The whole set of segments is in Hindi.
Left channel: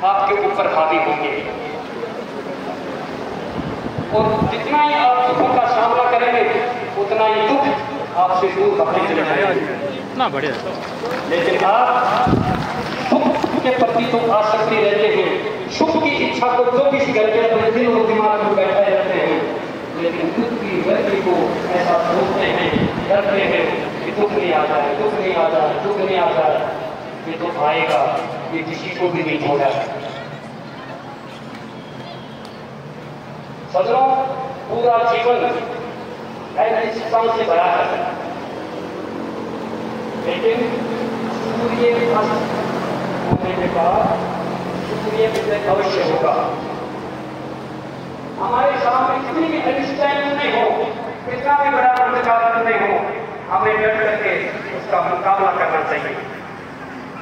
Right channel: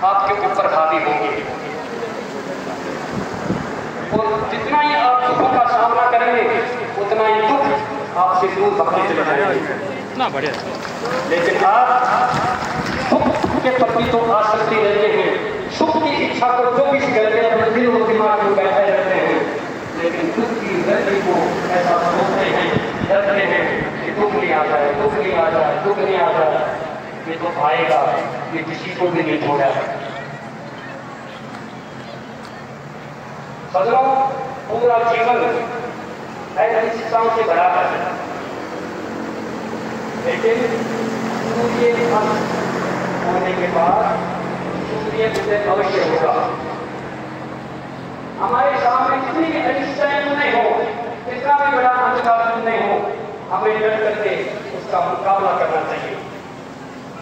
आपके ऊपर हावी होंगे और जितना ही आप दुखों का सामना करेंगे उतना ही दुख आपसे दूर भगते चले जाएंगे। इतना बढ़िया। लेकिन आप दुख के प्रति तो आसक्ति रहते हैं, सुख की इच्छा को जो किसी करके अपने दिल और दिमाग में बैठे रहते हैं, लेकिन दुख की गति को ऐसा सोचते हैं, डरते हैं कि दुख नहीं आ जाए, दुख नहीं आ जाए, दुख नहीं आ जाए, ये तो आएगा, ये किसी को भी नहीं छोड़ा। सजनों, पूरा जीवन ऐसी शिक्षाओं से भरा है, लेकिन सूर्य अस्त होने के बाद सूर्य में अवश्य होगा। हमारे सामने कितनी भी अनिश्चयता नहीं हो, कितना भी बड़ा अंधकार नहीं हो, हमें डट करके उसका मुकाबला करना चाहिए,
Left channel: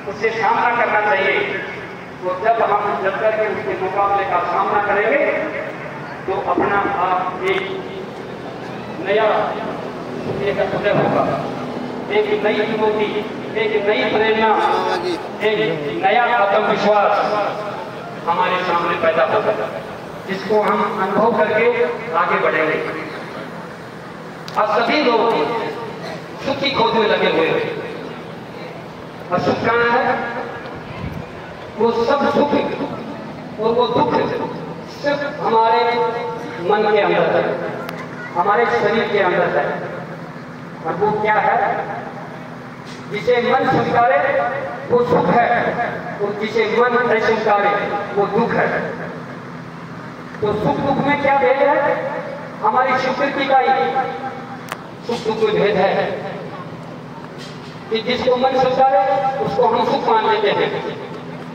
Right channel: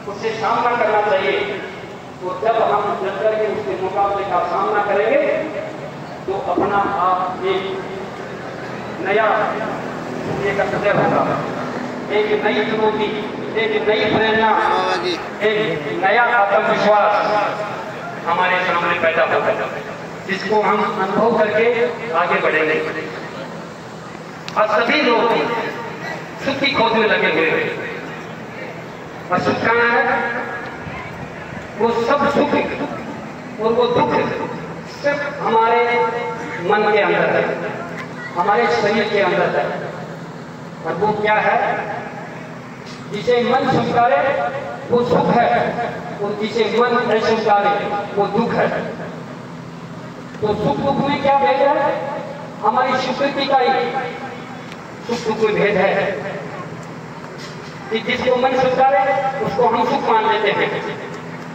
उससे सामना करना चाहिए। तो जब हम डट करके उसके मुकाबले का सामना करेंगे तो अपना आप एक नया एक उदय होगा, एक नई चुनौती, एक नई प्रेरणा, एक नया आत्मविश्वास हमारे सामने पैदा होगा, जिसको हम अनुभव करके आगे बढ़ेंगे। और सभी लोग सुख की खोज में लगे हुए हैं, और सुख कहाँ है? वो सब सुख और वो दुख सिर्फ हमारे मन के अंदर है, हमारे शरीर के अंदर है। और वो क्या है? जिसे मन स्वीकारे वो सुख है, और जिसे मन अस्वीकारे वो दुख है। तो सुख दुख में क्या भेद है? हमारी स्वीकृति का ही सुख दुख में भेद है कि जिसको मन स्वीकारे उसको हम सुख मान लेते हैं,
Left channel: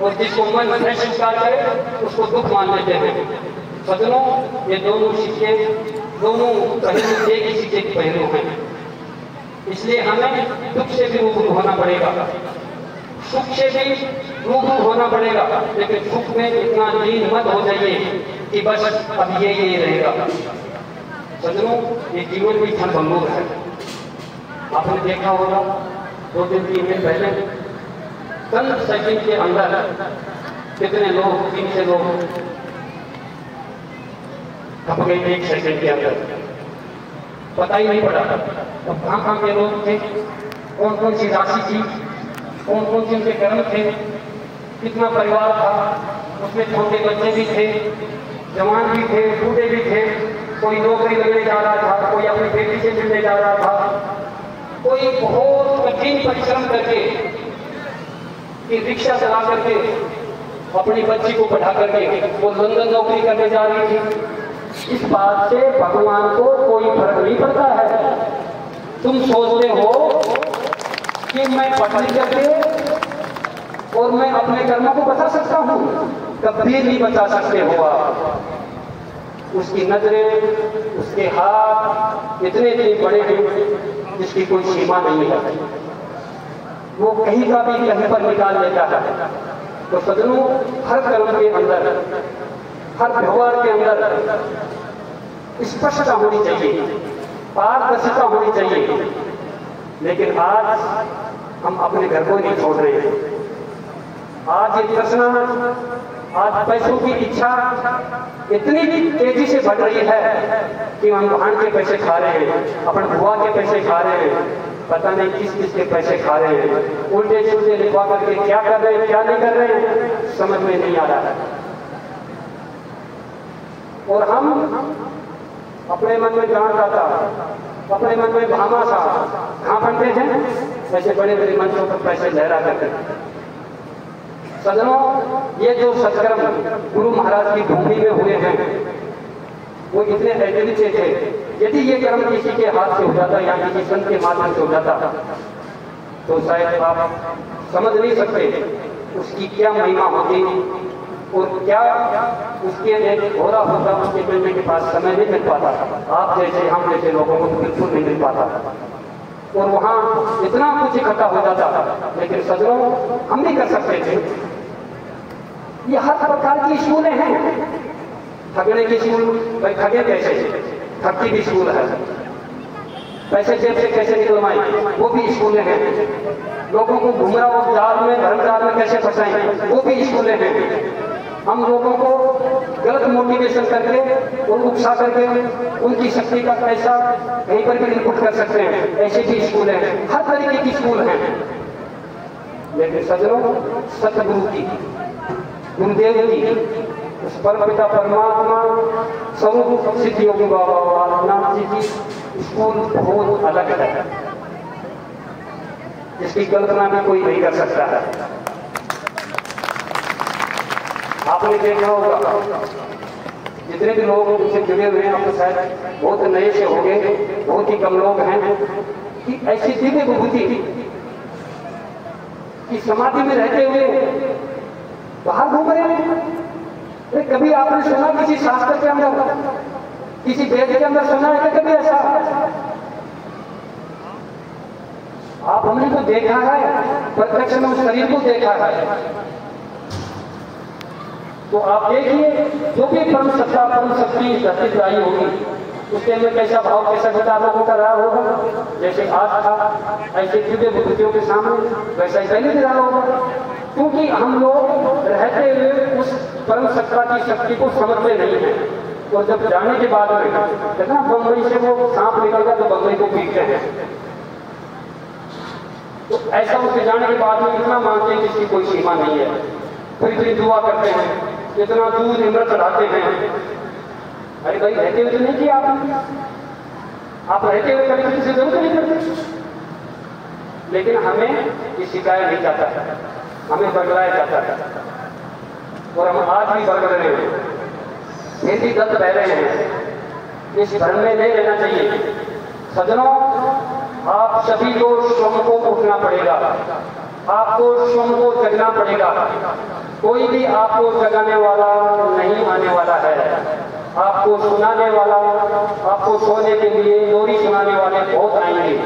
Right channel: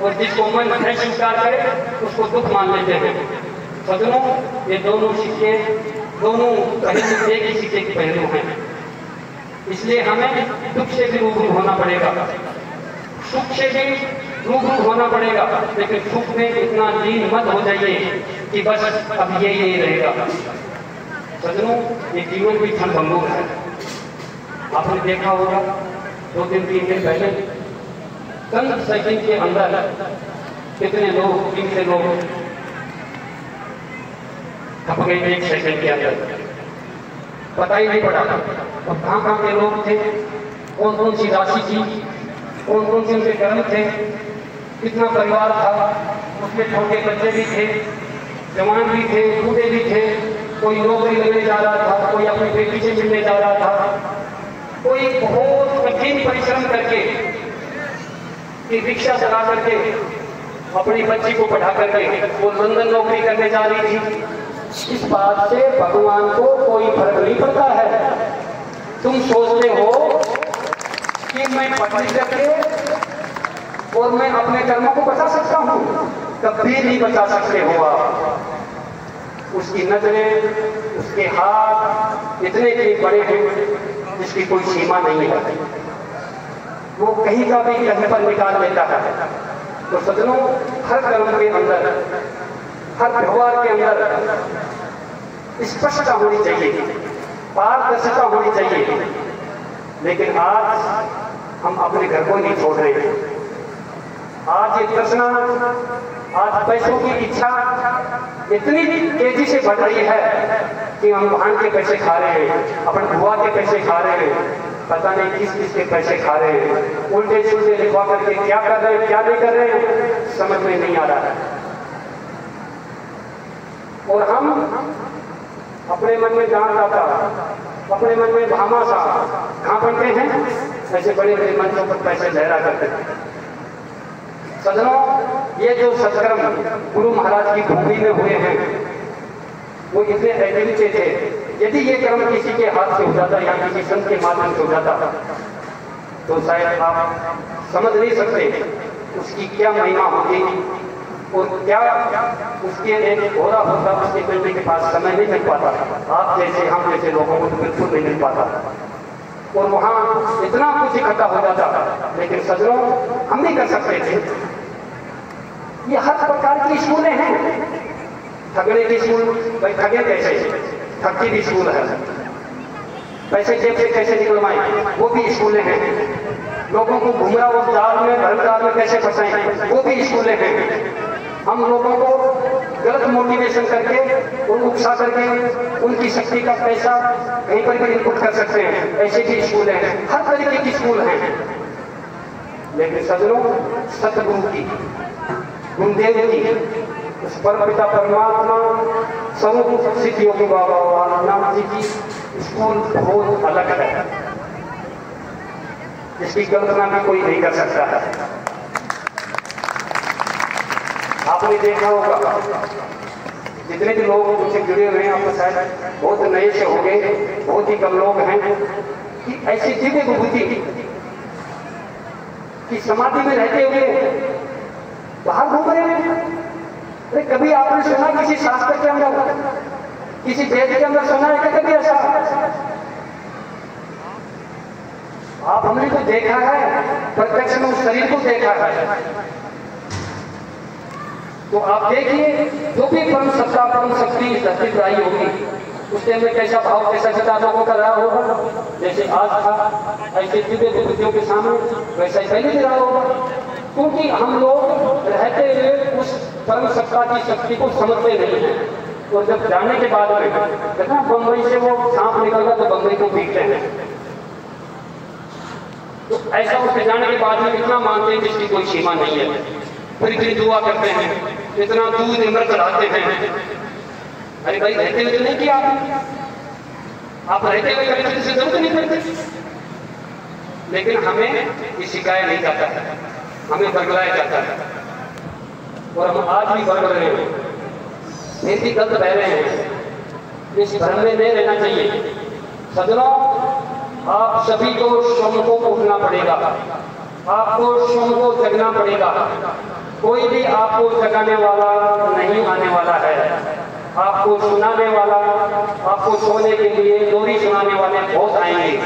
और जिसको मन न स्वीकार करे उसको दुख मान लेते हैं। सजनों, ये दोनों सिक्के, दोनों पहलू एक ही सिक्के के पहलू हैं। इसलिए हमें दुख से भी रूबरू होना पड़ेगा, सुख से भी रूबरू होना पड़ेगा, लेकिन सुख में इतना लीन मत हो जाइए कि बस अब ये रहेगा। सजनों, ये जीवन की क्षणभंगुर है। आपने देखा होगा 2-3 दिन पहले चंद सेकंड के अंदर कितने लोग, 300 लोग थक गए 1 सेकंड के अंदर, पता ही नहीं पड़ा अब कहाँ के लोग थे, कौन कौन सी राशि थी, कौन कौन से उनके कर्म थे, कितना परिवार था, उसमें छोटे बच्चे भी थे, जवान भी थे, बूढ़े भी थे, कोई नौकरी लेने जा रहा था, कोई अपनी बेटी से मिलने जा रहा था, कोई बहुत कठिन परिश्रम करके कि रिक्शा चला करके अपनी बच्ची को पढ़ा करके वो लंदन नौकरी करने जा रही थी। इस बात से भगवान को कोई फर्क नहीं पड़ता है। तुम सोचते हो कि मैं पढ़ लिख करके और मैं अपने कर्मों को बचा सकता हूं, कभी नहीं बचा सकते हो आप। उसकी नजरें, उसके हाथ इतने बड़े हैं जिसकी कोई सीमा नहीं है, वो कहीं का भी कहीं पर निकाल लेता है। तो सजनों, हर कर्म के अंदर, हर व्यवहार के अंदर स्पष्टता होनी चाहिए, पारदर्शिता होनी चाहिए। लेकिन आज हम अपने घर को नहीं छोड़ रहे। आज ये तृष्णा, आज पैसों की इच्छा इतनी तेजी से बढ़ रही है कि हम वाहन के पैसे खा रहे हैं, अपने बुआ के पैसे खा रहे हैं, पता नहीं किस किस के पैसे खा रहे हैं, उल्टे सुलटे लिखवा करके क्या कर रहे हैं, क्या नहीं कर रहे हैं, समझ में नहीं आ रहा है। और हम अपने मन में जान जाता, अपने मन में धामा सा कहां बनते हैं, ऐसे बड़े बड़े मंचों पर पैसे लहरा करते हैं। सजनों, ये जो सत्कर्म गुरु महाराज की भूमि में हुए हैं वो इतने ऐसे थे, यदि ये कर्म किसी के हाथ से हो जाता या किसी संत के माध्यम से हो जाता तो शायद आप समझ नहीं सकते उसकी क्या महिमा होती और क्या उसके लिए हो रहा होता। उसके मिलने के पास समय नहीं मिल पाता, आप जैसे हम जैसे लोगों को बिल्कुल नहीं मिल पाता, और वहां इतना कुछ इकट्ठा हो जाता। लेकिन सजनों, हम नहीं कर सकते थे। ये हर प्रकार की स्कूलें हैं, ठगने की स्कूल, भाई ठगे कैसे, ठगी भी स्कूल है, पैसे जेब से कैसे निकलवाएं वो भी स्कूलें हैं, लोगों को गुमराह जाल में, धर्म जाल में कैसे फंसाएं वो भी स्कूलें हैं। हम लोगों को गलत मोटिवेशन करके और उकसा करके उनकी शक्ति का पैसा कहीं पर भी इनपुट कर सकते हैं। ऐसे भी स्कूल हैं, हर तरीके की स्कूल हैं। लेकिन सजनों, सतगुरु की, गुरुदेव की, उस परम पिता परमात्मा स्वरूप सिद्ध योगी बाबा नाथ जी की स्कूल बहुत अलग है, इसकी कल्पना भी कोई नहीं कर सकता है। आपने देखा होगा, जितने भी लोग उनसे जुड़े हुए हैं, आपको शायद बहुत नए से होंगे, बहुत ही कम लोग हैं कि ऐसी दिव्य विभूति कि समाधि में रहते हुए बाहर घूम रहे हैं। अरे कभी आपने सुना किसी शास्त्र के अंदर, किसी वेद के अंदर सुना है क्या कभी ऐसा? आप हमने तो देखा है, प्रत्यक्ष में उस शरीर को देखा है। तो आप देखिए, जो भी परम सत्ता परम शक्ति इस धरती पर आई होगी, उसके अंदर कैसा भाव, कैसा विचार लोगों का रहा होगा। जैसे आज था, ऐसे दिव्य विभूतियों के सामने वैसा ही पहले भी रहा होगा। क्योंकि हम लोग रहते हुए उस परम सत्ता की शक्ति को समझते नहीं हैं। और जब जाने के बाद में देखना, बम्बई से वो सांप निकल गया तो बम्बई को पीटते हैं। तो ऐसा उसके जाने के बाद में इतना मानते हैं जिसकी कोई सीमा नहीं है। फिर इतनी दुआ करते हैं, इतना दूध अमृत चढ़ाते हैं। अरे भाई, रहते हुए तो नहीं किया आप रहते हुए कभी किसी से जरूरत नहीं करते। लेकिन हमें ये सिखाया नहीं जाता, हमें बदलाया जाता है। और हम आज भी बदल रहे हैं, फिर भी गलत बह रहे हैं। इस धर्म में नहीं रहना चाहिए। सजनों, आप सभी को स्वयं को उठना पड़ेगा, आपको स्वयं को जगना पड़ेगा। कोई भी आपको जगाने वाला नहीं आने वाला है। आपको सुनाने वाला, आपको सोने के लिए लोरी सुनाने वाले बहुत आएंगे,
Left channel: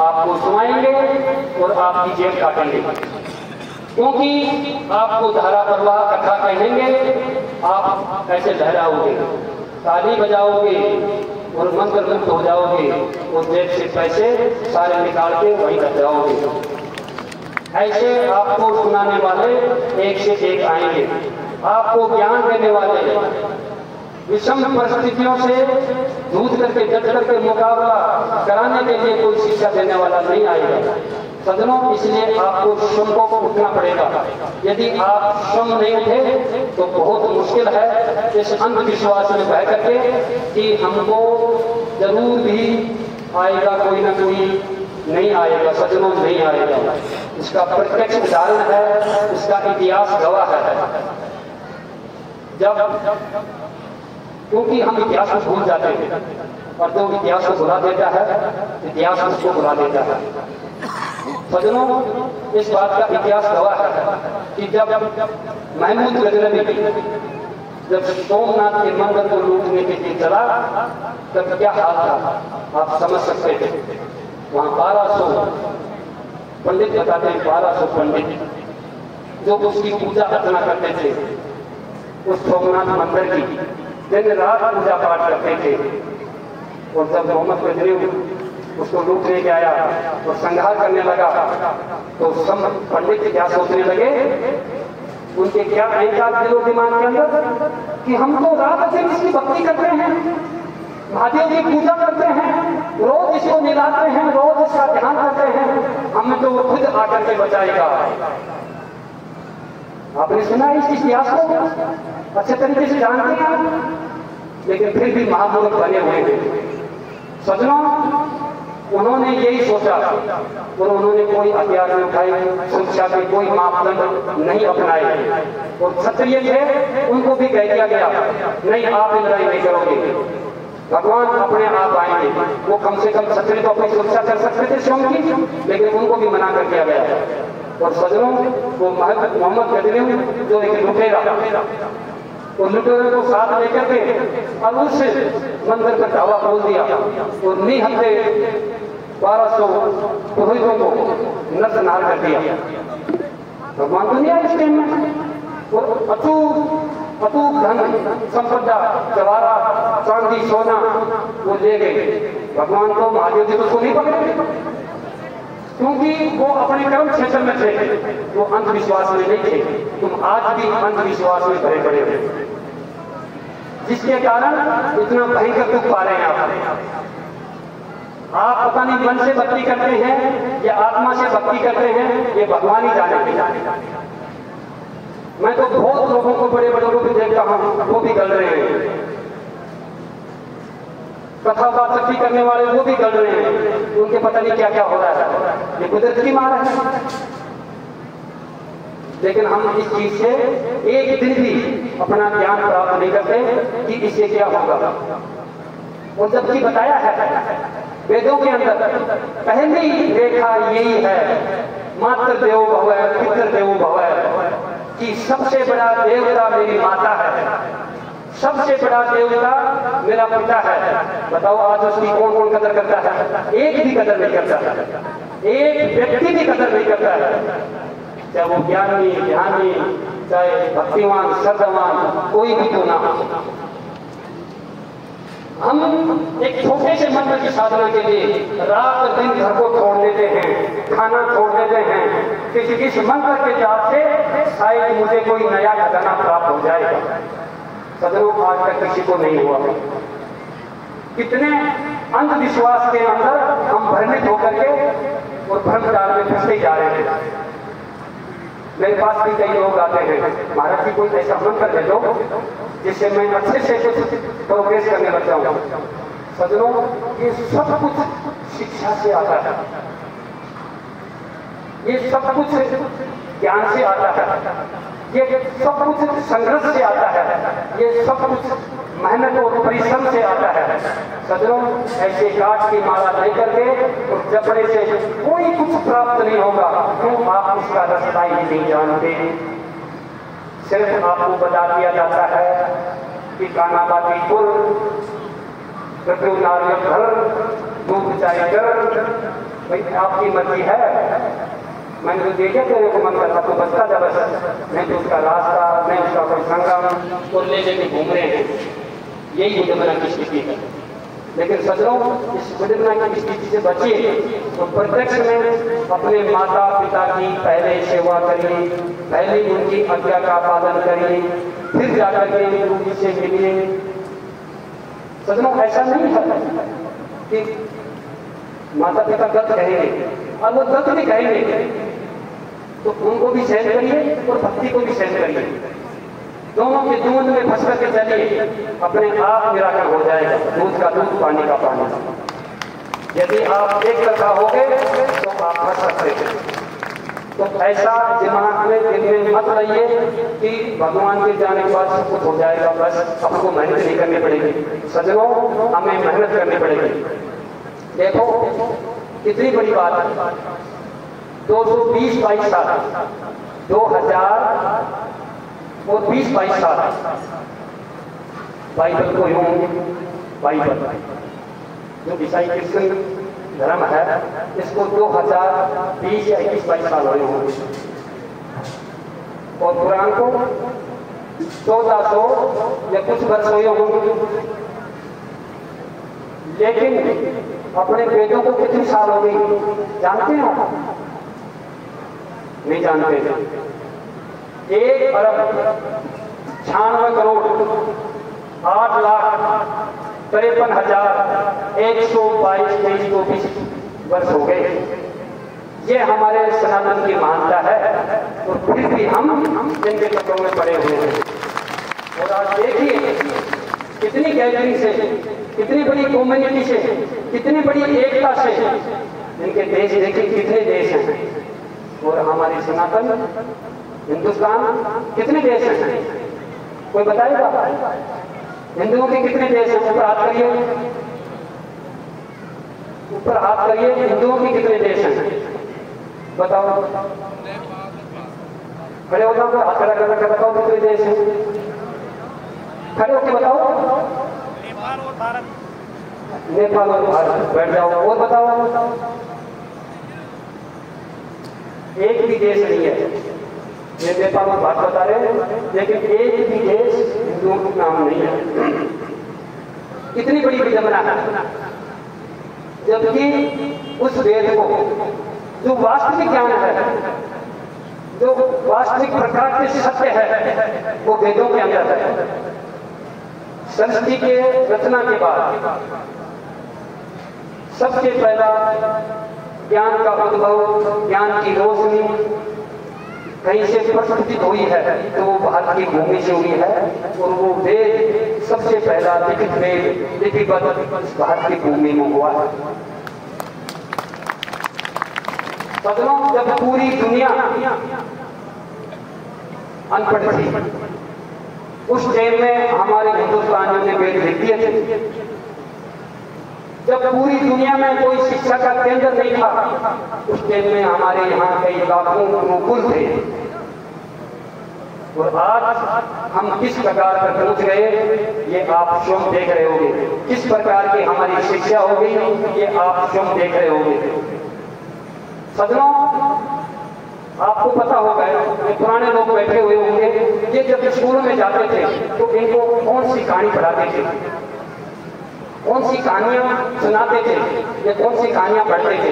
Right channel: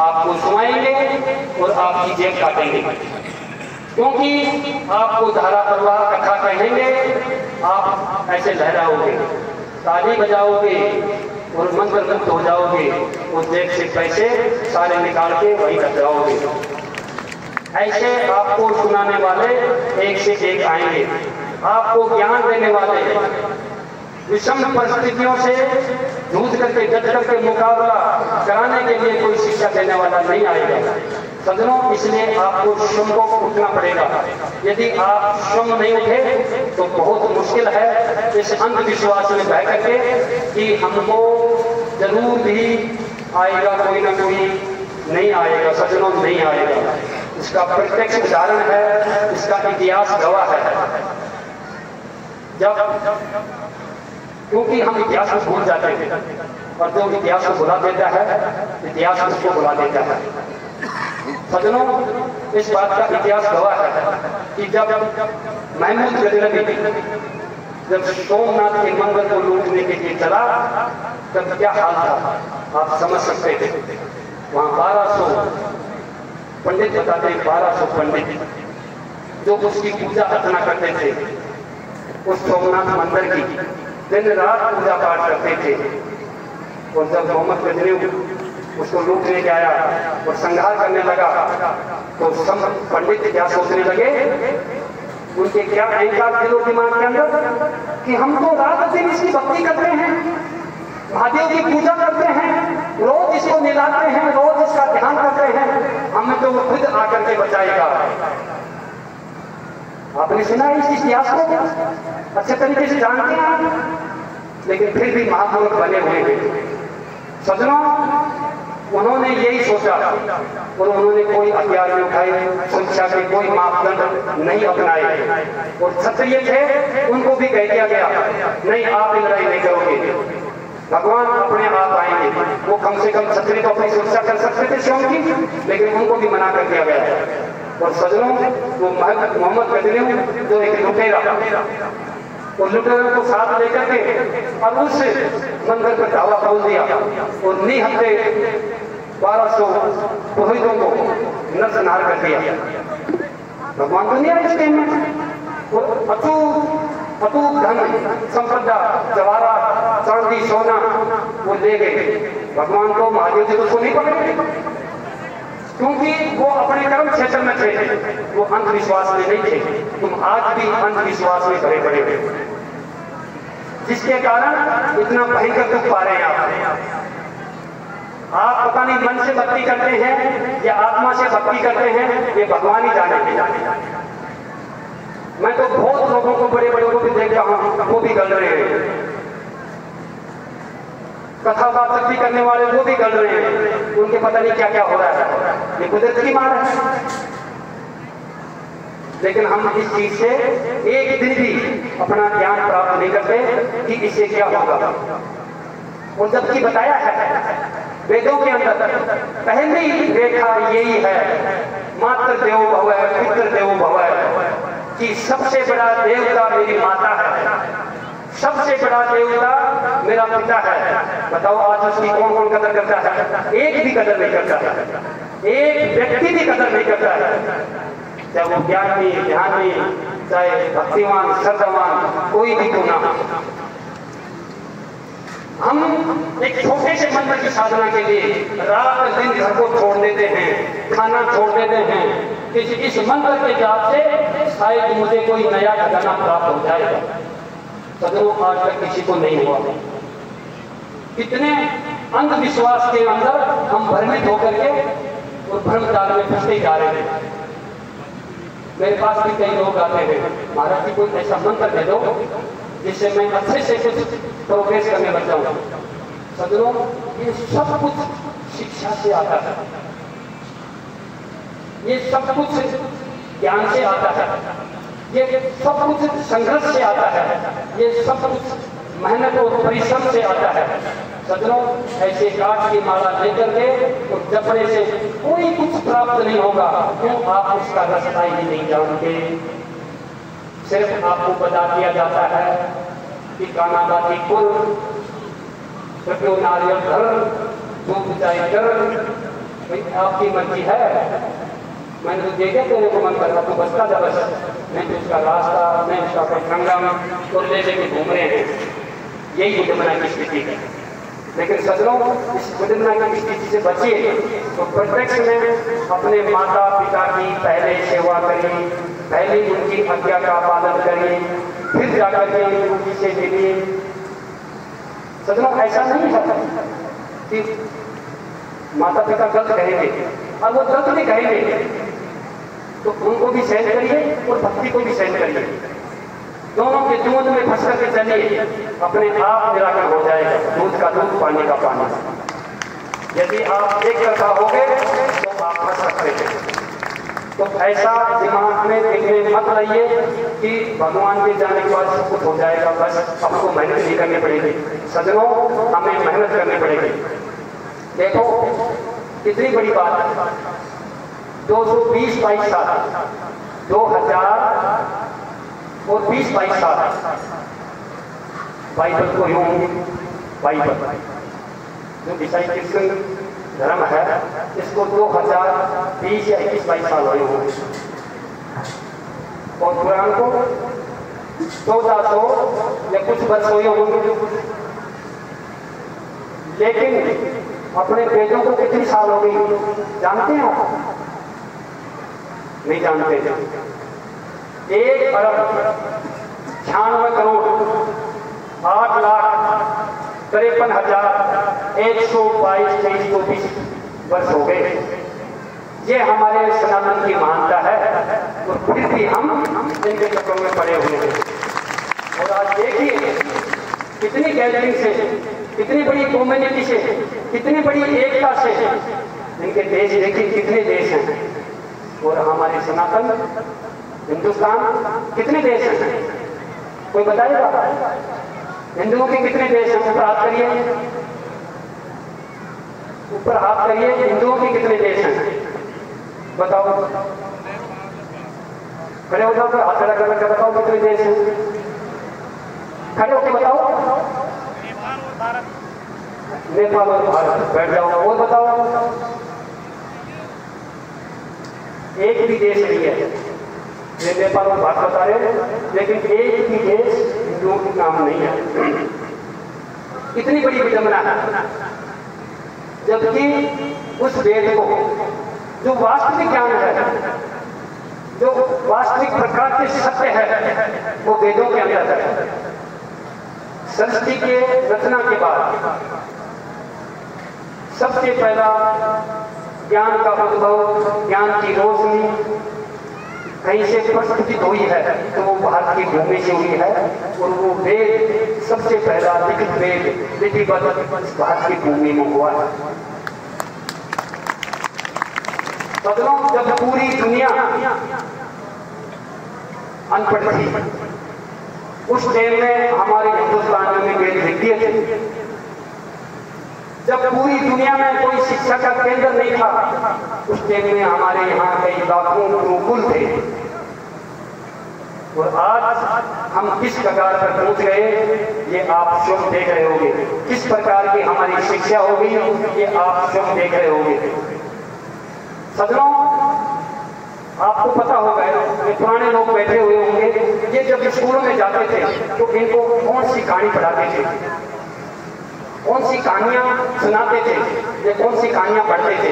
आपको सुनाएंगे और आपकी जेब काटेंगे। क्योंकि आपको धारा प्रवाह कथा कहेंगे, आप ऐसे लहराओगे, ताली बजाओगे और मंत्र मुक्त हो जाओगे और जेब से पैसे सारे निकाल के वही रख जाओगे। ऐसे आपको सुनाने वाले एक से एक आएंगे, आपको ज्ञान देने वाले, विषम परिस्थितियों से जूझ करके डट करके मुकाबला कराने के लिए कोई शिक्षा देने वाला नहीं आएगा। सजनों, इसलिए आपको स्वयं को उठना पड़ेगा। यदि आप स्वयं नहीं उठे तो बहुत मुश्किल है इस अंधविश्वास में बह करके कि हमको जरूर भी आएगा, कोई ना कोई नहीं आएगा। सजनों, नहीं आएगा। इसका प्रत्यक्ष उदाहरण है, इसका इतिहास गवाह है। जब क्योंकि हम इतिहास को भूल जाते हैं, और जो इतिहास को भुला देता है, इतिहास उसको भुला देता है। सजनों, इस बात का इतिहास गवाह है कि जब महमूद गजनवी जब सोमनाथ के मंदिर को लूटने के लिए चला, तब क्या हाल था आप समझ सकते थे। वहां 1200 पंडित बताते हैं, 1200 पंडित जो उसकी पूजा अर्चना करते थे, उस सोमनाथ मंदिर की दिन रात पूजा पाठ करते थे। और जब मोहम्मद गजनवी उसको लूटने के आया और संहार करने लगा, तो सब पंडित क्या सोचने लगे, उनके क्या अहंकार दिलो दिमाग के अंदर कि हम तो रात दिन इसकी भक्ति करते हैं, महादेव की पूजा करते हैं, रोज इसको निलाते हैं, रोज इसका ध्यान करते हैं, हमें तो वो खुद आकर के बचाएगा। आपने सुना इस इतिहास को, अच्छे तरीके से जानते हैं आप, लेकिन फिर भी महापुरुष बने हुए हैं। सजनों, उन्होंने यही सोचा और उन्होंने कोई हथियार नहीं उठाए, शिक्षा के कोई मापदंड नहीं अपनाए। और क्षत्रिय थे, उनको भी कह दिया गया, नहीं आप लड़ाई नहीं करोगे, भगवान अपने आप आएंगे। वो कम से कम क्षत्रिय तो अपनी सुरक्षा कर सकते थे स्वयं की, लेकिन उनको भी मना कर दिया गया। और सजनों, वो मोहम्मद गजनवी जो एक लुटेरा, और लुटेरों को साथ लेकर के और उस मंदिर पर धावा खोल दिया और निहत्थे 1200 पुरोहितों को नरसंहार कर दिया। भगवान तो नहीं आए इस टाइम में। और अटूट धन संपदा, जवाहरात, चांदी, सोना वो ले गए। भगवान को, महादेव जी तो उसको नहीं पकड़े। क्योंकि वो अपने कर्म क्षेत्र में थे, वो अंधविश्वास में नहीं थे। तुम आज भी अंधविश्वास में भरे पड़े हो, जिसके कारण इतना भयंकर दुख पा रहे हैं आप पता नहीं मन से भक्ति करते हैं या आत्मा से भक्ति करते हैं, ये भगवान ही जाने। मैं तो बहुत लोगों को, बड़े बड़े को भी देखता हूं, वो भी गल रहे हैं, कथा वाचक भी करने वाले वो भी गल रहे हैं, उनके पता नहीं क्या क्या हो रहा है, ये कुदरत की मार है। लेकिन हम इस चीज से एक दिन भी अपना ज्ञान प्राप्त नहीं करते कि इससे क्या होगा। और जबकि बताया है वेदों के अंदर, पहली रेखा यही है, मातृ देवो भव, पितृ देवो भव, कि सबसे बड़ा देवता मेरी माता है, सबसे बड़ा देवता मेरा पिता है। बताओ आज उसकी कौन कौन कदर करता है? एक भी कदर नहीं करता, एक व्यक्ति भी कदर नहीं करता है, चाहे वो ज्ञानी, ध्यानी, चाहे भक्तिमान, श्रद्धावान, कोई भी क्यों ना। हम एक छोटे से मंत्र की साधना के लिए रात दिन घर को छोड़ देते हैं, खाना छोड़ देते हैं, किसी इस मंत्र के जाप से शायद मुझे कोई नया खजाना प्राप्त हो जाएगा। सदरों, आज तक किसी को नहीं हुआ। कितने अंधविश्वास के अंदर हम भ्रमित होकर के और भ्रमजाल में फंसते जा रहे हैं। मेरे पास भी कई लोग आते हैं, महाराज जी कोई ऐसा मंत्र दे दो जिससे मैं अच्छे से कुछ प्रोग्रेस करने लग जाऊं। सदनों, ये सब कुछ शिक्षा से आता है, ये सब कुछ ज्ञान से आता है, ये सब कुछ संघर्ष से आता है, ये सब कुछ मेहनत और परिश्रम से आता है। सदनों, ऐसे काठ की माला लेकर के और जपने से कोई कुछ प्राप्त नहीं होगा, क्यों? आप उसका रास्ता ही नहीं जानते। सिर्फ आपको बता दिया जाता है कि कानाबादी कुल, कृपयो नारियल धर, दूध चाय कर, भाई आपकी मर्जी है। मैंने तो देखा तेरे को मन करना, तो बसता था बस, मैं तो उसका रास्ता, मैं उसका कोई संगम तो ले लेके घूम रहे हैं। यही विडंबना की स्थिति है। लेकिन सदनों, इस विडंबना की स्थिति से बचिए तो प्रत्यक्ष में अपने माता पिता की पहले सेवा करिए, पहले उनकी आज्ञा का पालन करिए, फिर जाकर के उनकी से मिलिए। सदनों, ऐसा नहीं है कि माता पिता गलत कहेंगे और वो गलत भी कहेंगे तो उनको भी सहन करिए और भक्ति को भी सहन करिए। दोनों के दूध में फंस करके चलिए, अपने आप निराकरण हो जाएगा। दूध का दूध, पानी का पानी। यदि आप एक तरफा हो गए तो आप फंस सकते हैं। तो ऐसा दिमाग में दिल में मत लाइए कि भगवान के जाने के बाद सब कुछ हो जाएगा, बस आपको मेहनत नहीं करनी पड़ेगी। सजनों, हमें मेहनत करनी पड़ेगी। देखो कितनी बड़ी बात है, 220-22 साल, 2000 और 20-22 साल बाइबल को यूं, बाइबल जो ईसाई क्रिश्चियन धर्म है, इसको 2020 या 21-22 साल हुए होंगे, और कुरान को 1400 या कुछ वर्ष हुए होंगे। लेकिन अपने वेदों को कितनी साल हो गई जानते हैं आप? नहीं जानते। 1 अरब 96 करोड़ 8,53,122 वर्ष हो गए। ये हमारे सनातन की महानता है, और फिर भी हम इनके चक्रों में पड़े हुए हैं। और आप देखिए कितनी गैदरिंग से, कितनी बड़ी कम्युनिटी से, कितनी बड़ी एकता से इनके देश, देखिए कितने देश हैं। और हमारे सनातन हिंदुस्तान कितने देश हैं? कोई बताएगा? हिंदुओं के कितने देश हैं? ऊपर हाथ करिए, ऊपर हाथ करिए। हिंदुओं के कितने देश हैं बताओ? खड़े हो जाओ, हाथ खड़ा करके बताओ कितने देश हैं? खड़े होकर बताओ। नेपाल और भारत। बैठ जाओ और बताओ। एक भी देश नहीं है, ये नेपाल और भारत बता रहे हैं, लेकिन एक भी देश हिंदुओं के नाम नहीं है। इतनी बड़ी विडंबना है, जबकि उस वेद को जो वास्तविक ज्ञान है, जो वास्तविक प्रकार के सत्य है, वो वेदों के अंदर है। सृष्टि के रचना के बाद सबसे पहला ज्ञान का उद्भव, ज्ञान की रोशनी कहीं से प्रस्फुटित हुई है तो वो भारत की भूमि से हुई है। और वो वेद सबसे पहला लिखित वेद लिपिबद्ध भारत की भूमि में हुआ है। सदनों, जब पूरी दुनिया अनपढ़ थी, उस टाइम में हमारे हिंदुस्तानियों ने वेद लिख दिए थे। जब पूरी दुनिया में कोई शिक्षा का केंद्र नहीं था, उस टाइम में हमारे यहाँ कई लाखों गुरुकुल थे। और आज हम किस प्रकार पर पहुंच गए, ये आप स्वयं देख रहे होंगे। किस प्रकार की हमारी शिक्षा होगी, ये आप स्वयं देख रहे होंगे। सदनों, आपको पता होगा, ये पुराने लोग बैठे हुए होंगे, ये जब स्कूलों में जाते थे तो इनको कौन सी कहानी पढ़ाते थे, कौन सी कहानियां सुनाते थे, ये कौन सी कहानियां पढ़ते थे,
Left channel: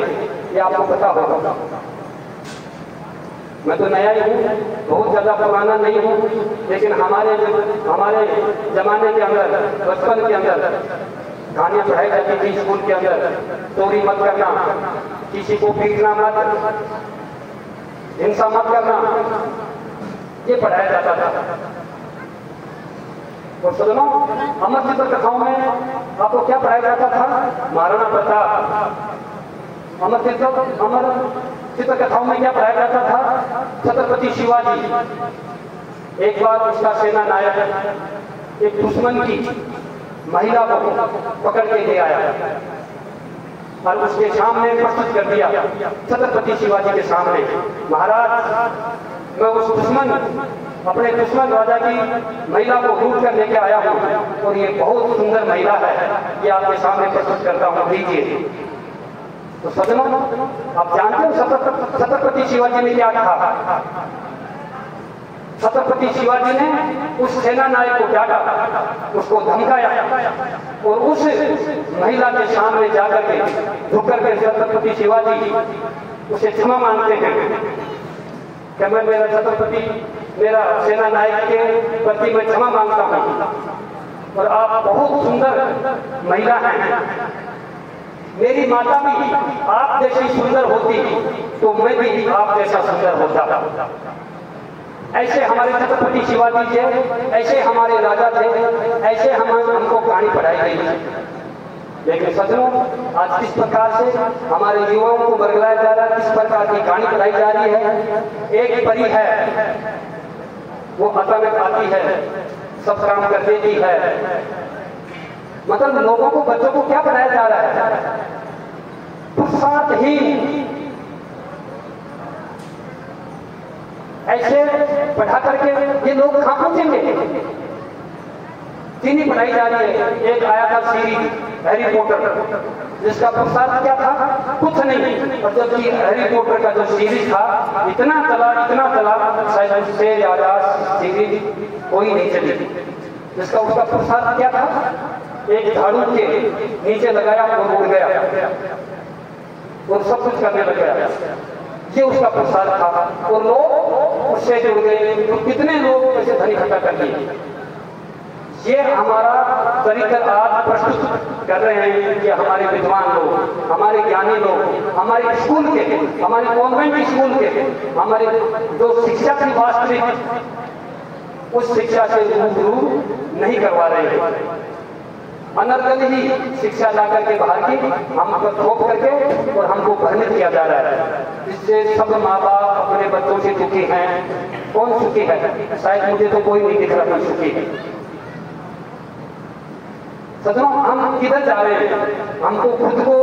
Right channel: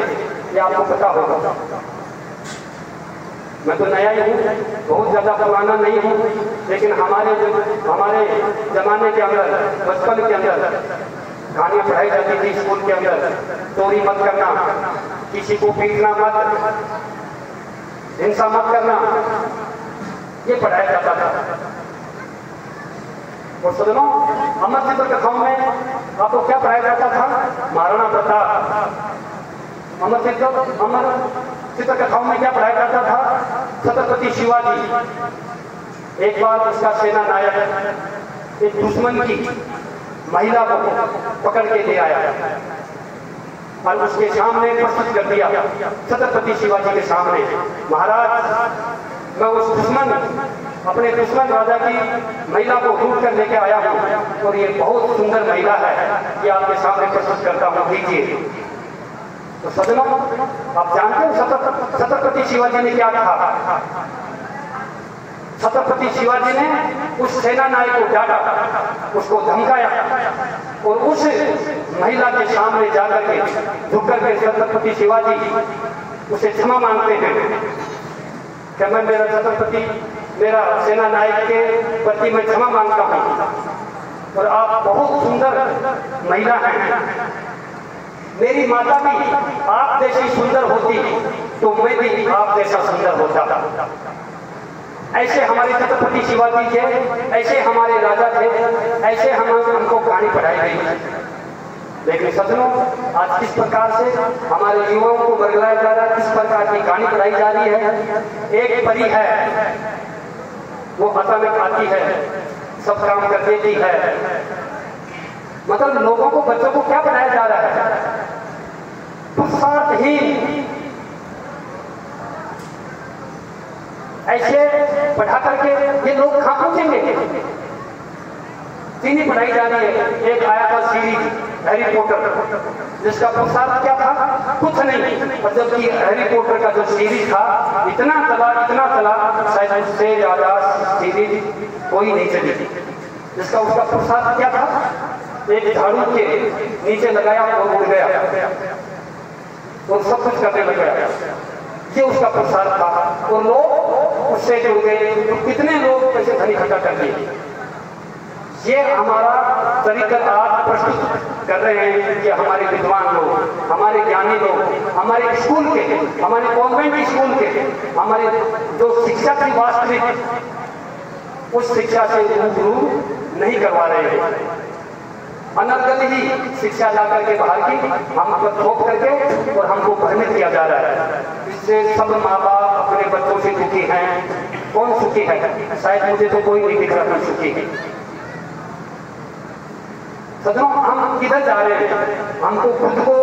ये आपको पता होगा। मैं तो नया ही हूँ, बहुत ज्यादा पुराना नहीं हूँ, लेकिन हमारे जमाने के अंदर, बचपन के अंदर कहानियां पढ़ाई जाती थी स्कूल के अंदर। चोरी मत करना, किसी को पीटना मत, हिंसा मत करना, ये पढ़ाया जाता था। और सुनो, अमर चित्र कथाओं में आपको क्या पढ़ाया जाता था? महाराणा प्रताप। अमर चित्र कथाओं में क्या पढ़ाया जाता था? छत्रपति शिवाजी। एक बार उसका सेना नायक एक दुश्मन की महिला को पकड़ के ले आया और उसके सामने प्रस्तुत कर दिया, छत्रपति शिवाजी के सामने। महाराज, मैं उस अपने दुश्मन राजा की महिला को लूट कर लेके आया हूँ और ये बहुत सुंदर महिला है, ये आपके सामने प्रस्तुत करता हूँ, लीजिए। तो सदनों, आप जानते हो छत्रपति शिवाजी ने क्या कहा? छत्रपति शिवाजी ने उस सेना नायक को डांटा, उसको धमकाया और उस महिला के सामने जाकर के झुक करके छत्रपति शिवाजी उसे क्षमा मांगते हैं कि मैं मेरा सेना नायक के प्रति मैं क्षमा मांगता हूं और आप बहुत सुंदर महिला हैं। मेरी माता भी आप जैसी सुंदर होती तो मैं भी आप जैसा सुंदर होता। ऐसे हमारे छत्रपति शिवाजी थे, ऐसे हमारे राजा थे, ऐसे हमको कहानी पढ़ाई गई। लेकिन सदनों, आज किस प्रकार से हमारे युवाओं को बरगलाया जा रहा है, किस प्रकार की कहानी पढ़ाई जा रही है। एक परी है, वो अचानक आती है, सब काम कर देती है। मतलब लोगों को, बच्चों को क्या पढ़ाया जा रहा है? पुरुषार्थहीन। ऐसे पढ़ा करके ये लोग कहां पहुंचेंगे? चीनी पढ़ाई जा रही है। एक आया था सीरीज हैरी पॉटर, जिसका पुरुषार्थ क्या था? कुछ नहीं। और जबकि हैरी पॉटर का जो सीरीज था इतना चला, शायद उससे ज्यादा सीरीज कोई नहीं चली थी। जिसका उसका पुरुषार्थ क्या था? एक झाड़ू के नीचे लगाया और उड़ गया और सब कुछ करने लग गया। ये उसका पुरुषार्थ था और लोग उससे जुड़ गए। कितने लोग ऐसे धन इकट्ठा कर दिए। ये हमारा तरीका आप प्रस्तुत कर रहे हैं कि हमारे विद्वान लोग, हमारे ज्ञानी लोग, हमारे स्कूल के, हमारे कॉन्वेंट स्कूल के, हमारे जो शिक्षा की वास्तविक उस शिक्षा से रूबरू नहीं करवा रहे हैं। अनर्गल ही शिक्षा ला करके बाहर की हम पर थोप करके और हमको भ्रमित किया जा रहा है। इससे सब माँ बाप अपने बच्चों से सुखी हैं। कौन सुखी है? शायद मुझे तो कोई नहीं दिख रहा सुखी है। सदनों, हम किधर जा रहे हैं? हमको खुद को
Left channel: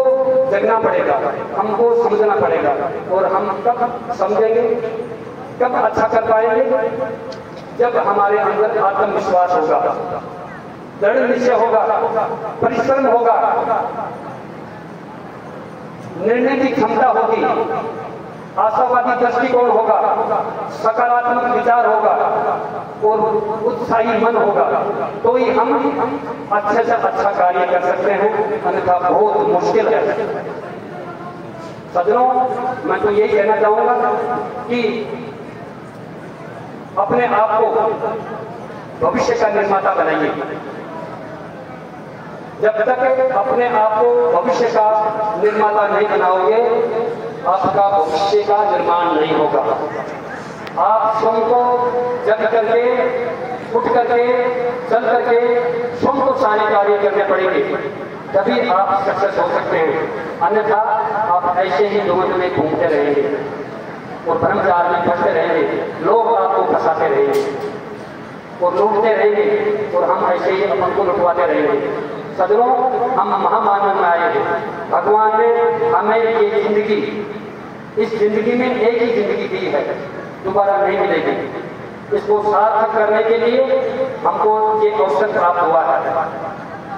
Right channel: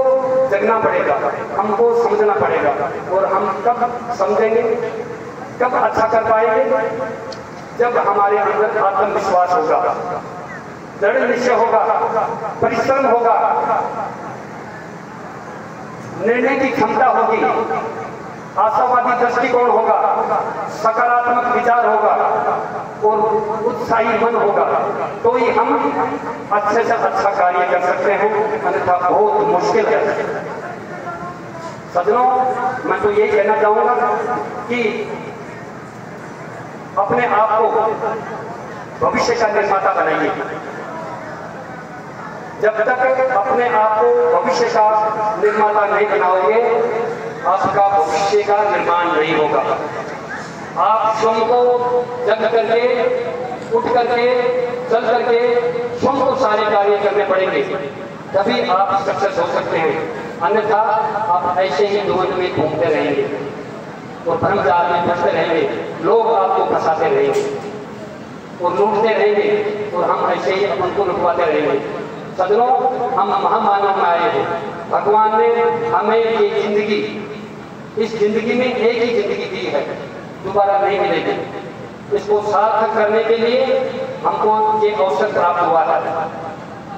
जगना पड़ेगा, हमको समझना पड़ेगा। और हम कब समझेंगे, कब अच्छा कर पाएंगे? जब हमारे अंदर आत्मविश्वास होगा, दृढ़ निश्चय होगा, परिश्रम होगा, निर्णय की क्षमता होगी, आशावादी दृष्टिकोण होगा, सकारात्मक विचार होगा और उत्साही मन होगा, तो ही हम अच्छे से अच्छा कार्य कर सकते हैं। अन्यथा बहुत मुश्किल है। सज्जनों, मैं तो यही कहना चाहूंगा कि अपने आप को भविष्य का निर्माता बनाइए। जब तक अपने आप को भविष्य का निर्माता नहीं बनाओगे, आपका भविष्य का निर्माण नहीं होगा। आप स्वयं को जग करके, उठ करके, चल करके स्वयं को सारे कार्य करने पड़ेंगे, तभी आप सक्सेस हो सकते हैं। अन्यथा आप ऐसे ही जीवन में घूमते रहेंगे और भ्रमजाल में फंसते रहेंगे, लोग आपको फंसाते रहेंगे और लूटते रहेंगे और हम ऐसे ही अपन को लुटवाते रहेंगे। सज्जनों, हम महामानव में आए हैं। भगवान ने हमें एक जिंदगी, इस जिंदगी में एक ही जिंदगी दी है, दोबारा नहीं मिलेगी। इसको सार्थक करने के लिए हमको ये अवसर प्राप्त हुआ है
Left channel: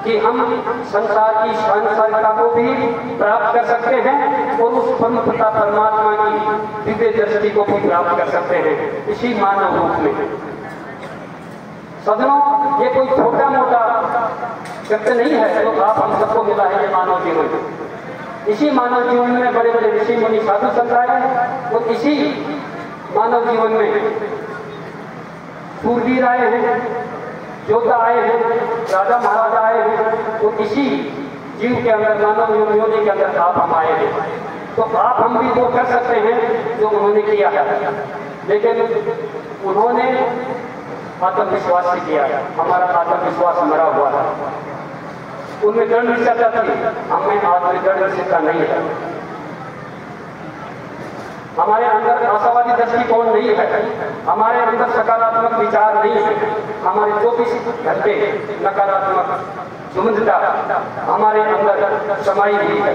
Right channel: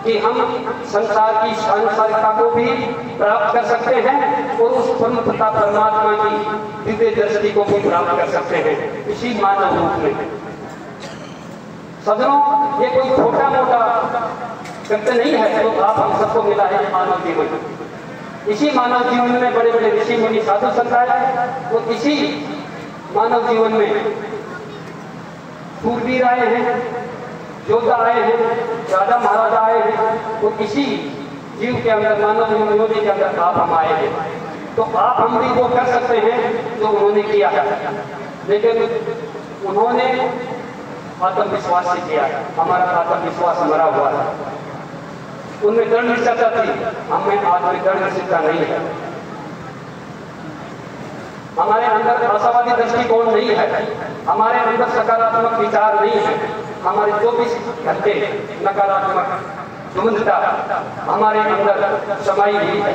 कि हम संसार की सांसारिकता को भी प्राप्त कर सकते हैं और उस परम पिता परमात्मा की दिव्य दृष्टि को भी प्राप्त कर सकते हैं इसी मानव रूप में। सज्जनों, ये कोई छोटा मोटा सत्य नहीं है तो आप हम सबको मिला है ये मानव जीवन। इसी मानव जीवन में बड़े बड़े ऋषि मुनि साधु संत आए और इसी मानव जीवन में सूरवीर आए हैं, योद्धा आए हैं, राजा महाराजा आए हैं। तो इसी जीव के अंदर, मानव योनि के अंदर आप हम आए हैं। तो आप हम भी वो कर सकते हैं जो उन्होंने किया है, लेकिन उन्होंने आत्मविश्वास से किया। हमारा आत्मविश्वास मरा हुआ है। उनमें दृढ़ निश्चयता थी, हमें आज में दृढ़ निश्चयता नहीं है। हमारे अंदर आशावादी दृष्टिकोण नहीं है, हमारे अंदर सकारात्मक विचार नहीं है। हमारे 24 घंटे नकारात्मक झुंझता हमारे अंदर समाई हुई है,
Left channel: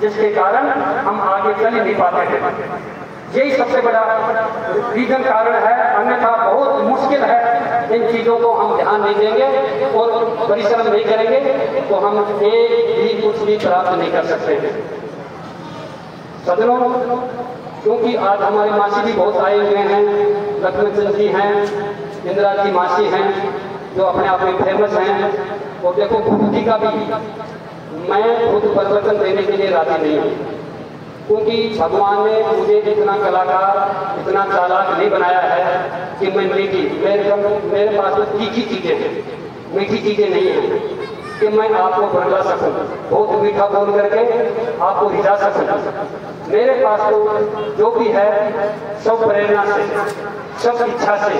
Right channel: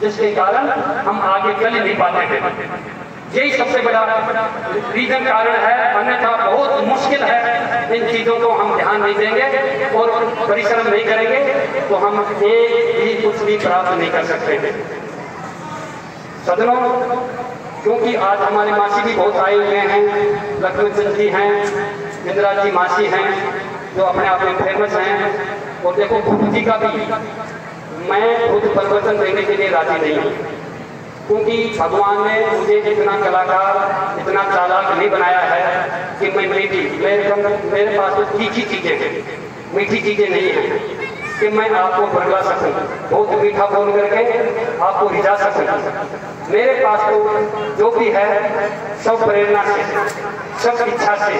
जिसके कारण हम आगे चल नहीं पाते हैं। यही सबसे बड़ा रीजन कारण है। अन्यथा बहुत मुश्किल है, इन चीजों को हम ध्यान नहीं देंगे और परिश्रम नहीं करेंगे तो हम एक भी कुछ भी प्राप्त नहीं कर सकते हैं। सज्जनों, क्योंकि आज हमारे मासी भी बहुत आए हुए हैं, लक्ष्मण चंद जी हैं, इंदिरा जी मासी हैं, जो अपने आप में फेमस हैं। और देखो, गुरु जी का भी मैं खुद परिवर्तन देने के लिए राजी नहीं हूँ, क्योंकि भगवान ने मुझे इतना कलाकार, इतना चालाक नहीं बनाया है कि मैं मेरे पास तो तीखी चीजें हैं, मीठी चीजें नहीं हैं कि मैं आपको बदला सकूं, बहुत मीठा बोल करके आपको रिझा सकूं। मेरे पास तो जो भी है सब प्रेरणा से, सब इच्छा से,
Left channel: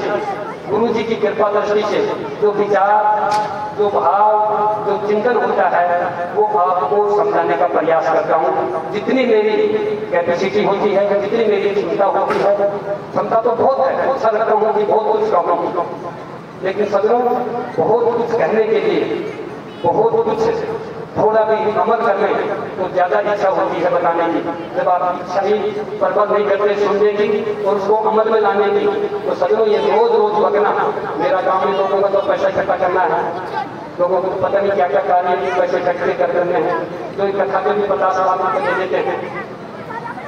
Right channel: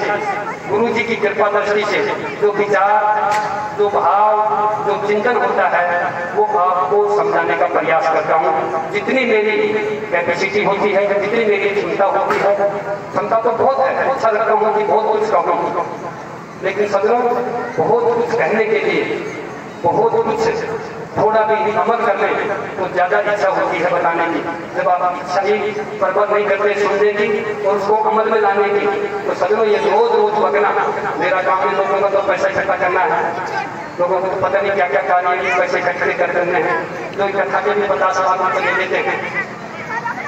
गुरु जी की कृपा दृष्टि से जो विचार, जो भाव, जो चिंतन होता है वो आपको समझाने का प्रयास करता हूँ। जितनी मेरी कैपेसिटी होती है, जितनी मेरी क्षमता होती है, क्षमता तो बहुत है, अच्छा लगता हूँ कि बहुत कुछ कहूँ, लेकिन सज्जनों, बहुत कुछ कहने के लिए बहुत कुछ थोड़ा भी अमल कर लें तो ज्यादा इच्छा होती है बताने की। जब आप इच्छा ही प्रबल नहीं करते सुनने की और उसको अमल में लाने की, तो सज्जनों ये रोज रोज बकना मेरा काम है, लोगों को तो पैसा इकट्ठा करना है, लोगों को पता नहीं क्या क्या कार्य की पैसे इकट्ठे करने हैं, जो इकट्ठा के भी 50 लाख रुपये दे देते हैं।